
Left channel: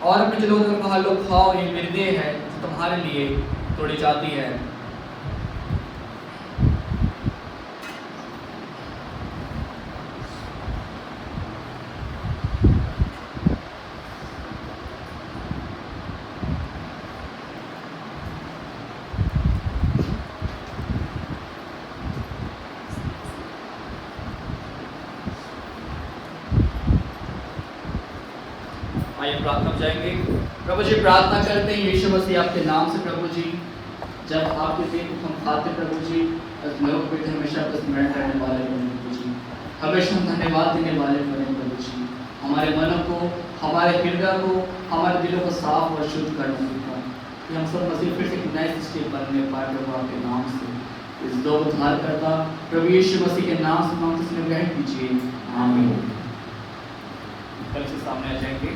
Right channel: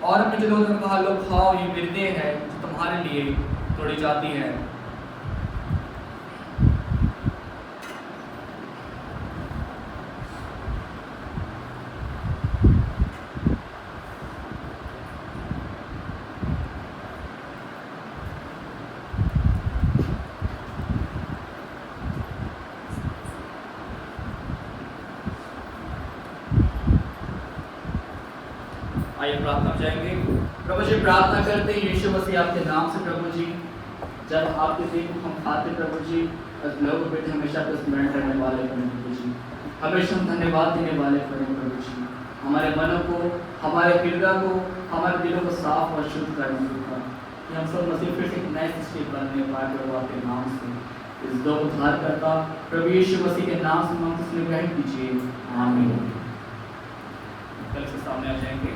और अपने चेलों को कहा, लो खाओ, ये मेरी देह है जो तुम्हारे लिए तोड़ी जाती है। आइए प्रार्थना में जाएंगे। प्रभु जी प्रार्थना करते हैं यीशु मसीह आपके नाम से प्रभु जी, जब आपके दिन को हम खाते प्रभु जी, लोग बेटे हमेशा को स्मरण करने वाले बने प्रभु जी, हमेशा हम धन्यवाद देने वाले बने प्रभु जी, हमारे मनों को, हमारे हृदय को, हमारे दिलों को साफ और शुद्ध करने का, कि हम सब मसीह फिर से एक नए सृष्टि बनने पाए प्रभु आपके नाम से। इस दो को धार करता प्रभु यीशु मसीह के नाम से हम इसमें ग्रहण कीजिए, आमीन। कल से सामने आ जाएंगे।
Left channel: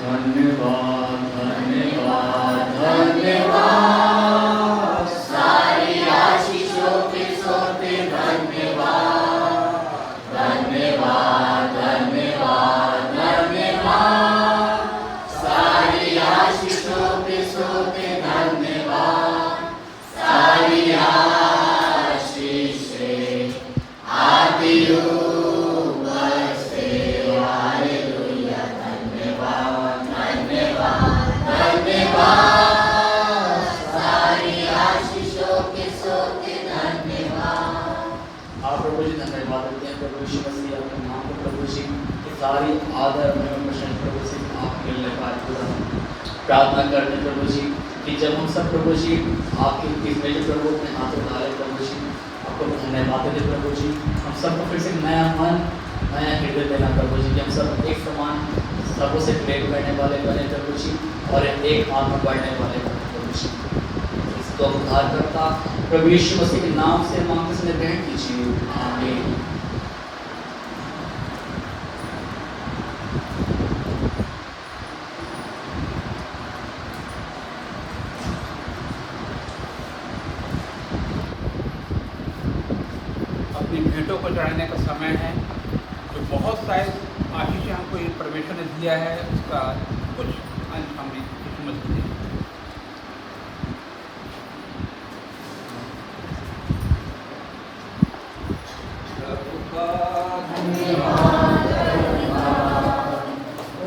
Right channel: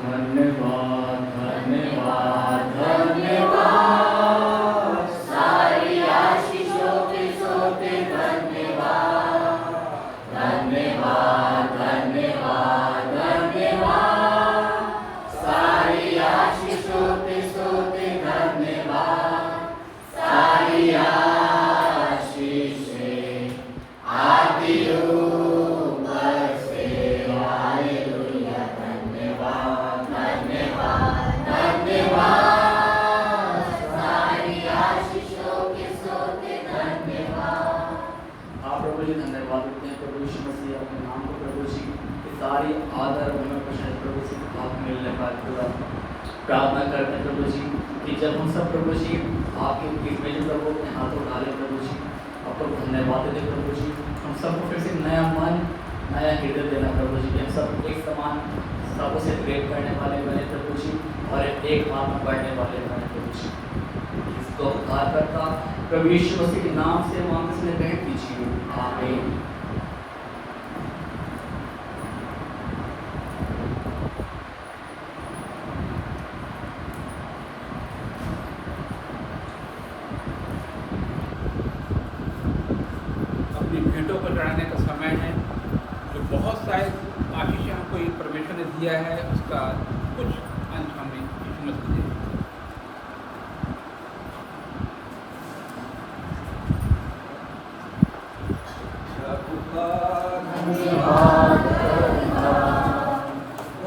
धन्यवाद धन्यवाद धन्यवाद सारी आशीषों के सोते धन्यवाद धन्यवाद धन्यवाद धन्यवाद सारी आशीषों के सोते धन्यवाद सारी आशीषें आती ऊपर से हालेलुया धन्यवाद धन्यवाद धन्यवाद सारी आशीषों के सोते धन्यवाद। आप प्रभु जी धन्यवाद देते हैं प्रभु यीशु मसीह अपने नाम को प्रभु जी की सारी आदर में प्रशंसा प्रभु जी आप मिलने पाए पूरा प्रार्थना करते हैं प्रभु जी कि जब हम सब प्रभु जी आपके इसमें जो प्रभु अपने हाथों डाले प्रभु जी आपको धन्यवाद देते प्रभु जी हम सबको फिर से नया मन नया हृदय देना प्रभु जी कि हम सब एक समान सबों से प्रेम करने वाले बने प्रभु जी और एक आत्मा बढ़ने वाले बने प्रभु जी इसको उद्धार करता प्रभु यीशु मसीह के नाम से मांगते से ग्रहण कीजिए आमीन। अपनी भेंटों को चढ़ाने का समय है। जो बहुत सारे आशीषें हमको ये परमेश्वर ने दिया है उसका कुछ अंश हमें यीशु मसीह को देना है।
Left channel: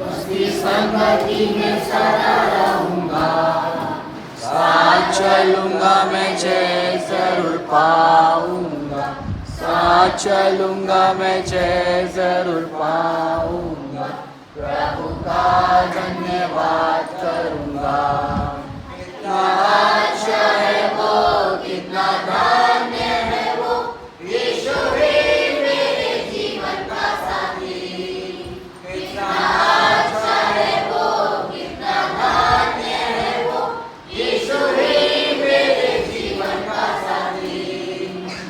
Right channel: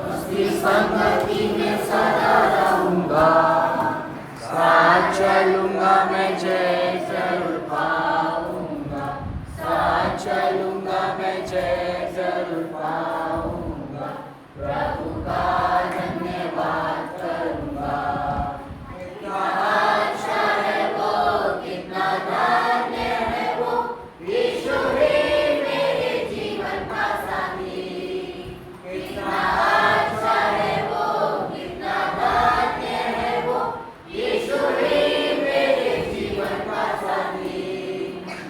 उसकी संगति में सदा रहूंगा साथ चलूंगा मैं जय जरूर पाऊंगा साथ चलूंगा मैं जय जरूर पाऊंगा प्रभु का धन्यवाद करूंगा। कितना अच्छा है वो, कितना धन्य है वो, यीशु ही मेरे जीवन का साथी। कितना अच्छा है वो, कितना धन्य है वो, यीशु ही मेरे जीवन का साथी।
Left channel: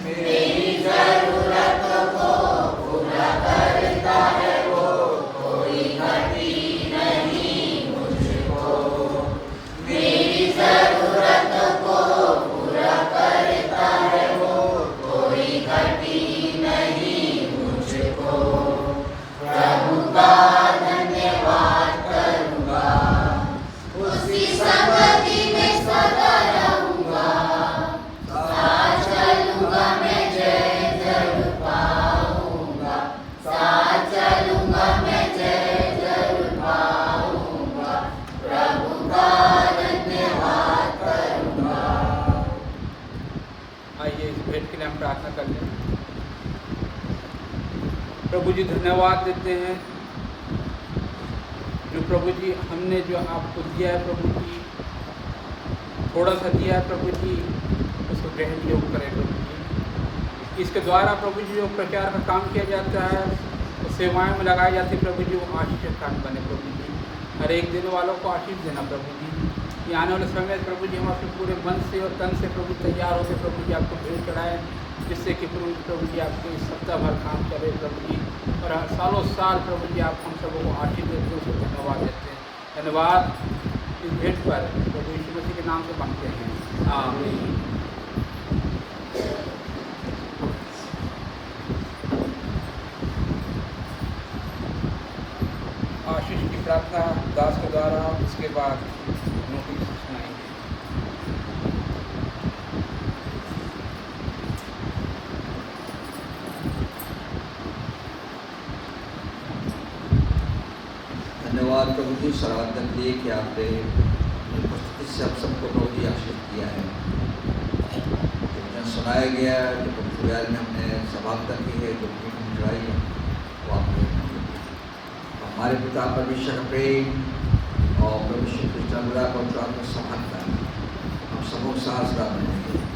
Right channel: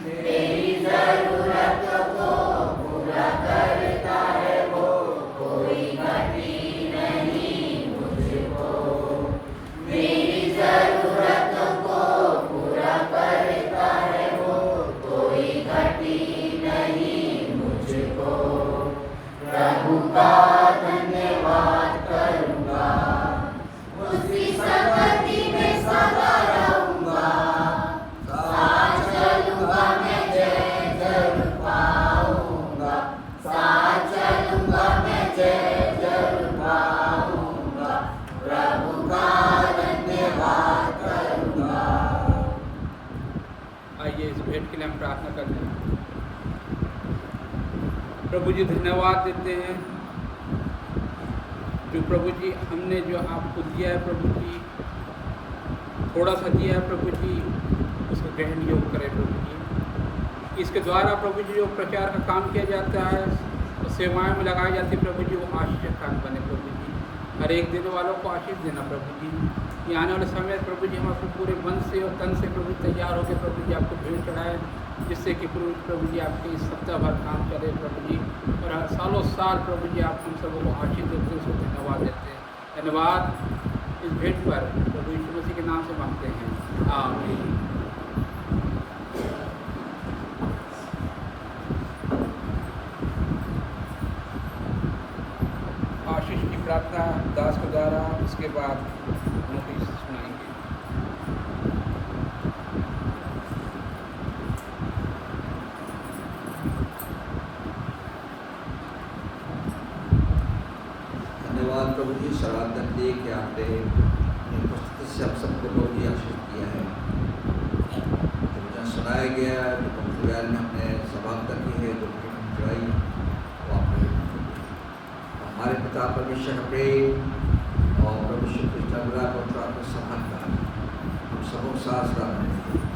मेरी जरूरत को पूरा करता है वो, कोई घटी नहीं मुझको। मेरी जरूरत को पूरा करता है वो, कोई घटी नहीं मुझको। प्रभु का धन्यवाद करूंगा, उसकी संगति में सदा रहूंगा। साथ चलूंगा मैं, जय जरूर पाऊंगा। साथ चलूंगा मैं, जय जरूर पाऊंगा। प्रभु का धन्यवाद करूंगा। आइए इस भेंट के लिए हम प्रार्थना करते हैं। प्रभु जी धन्यवाद देते हैं जो प्रभु जी हमने जो आपको दिया है प्रभु जी, थोड़ा सा दिया है प्रभु जी, उसको ग्रहण योग करें प्रभु जी। इसके द्वारा प्रभु जी जो प्रचार का काम किया जाता है, वो सेवाएं में लगाई जाती है प्रभु जी, वो आशीष का काम बने प्रभु जी। हर एक देने वालों को आशीष देना प्रभु जी। ये आने वाले समय में प्रभु जी हम अपने पूरे मन से और तन से प्रभु तैयार होकर प्रभु जी आपको भेंट चढ़ाएं, जिससे कि प्रभु जी आपके इस सप्ताह भर काम चले प्रभु जी, और सालों साल प्रभु जी आप हम सबों को आशीष देते हैं, उसको धन्यवाद देते हैं। धन्यवाद इस भेंट पर प्रभु यीशु मसीह के नाम से मांगते हैं, आमीन। आशीष की प्रार्थना दास के द्वारा, उसके बाद नोटिस सुनाएंगे। धन्यवाद प्रभु जी सराहना के लिए कि आपने अपनी उपस्थिति से हम सबको प्रभु जी आशीष किया है। जब सुनाया गया, जो पुर्तगाल में हमने सभागता की है, जो भेंट चढ़ाई वो आपने हमारे पिता परमेश्वर का प्रेम और प्रभु श्री कृष्ण पवित्र आत्मा समानता हम सबों के साथ रहें।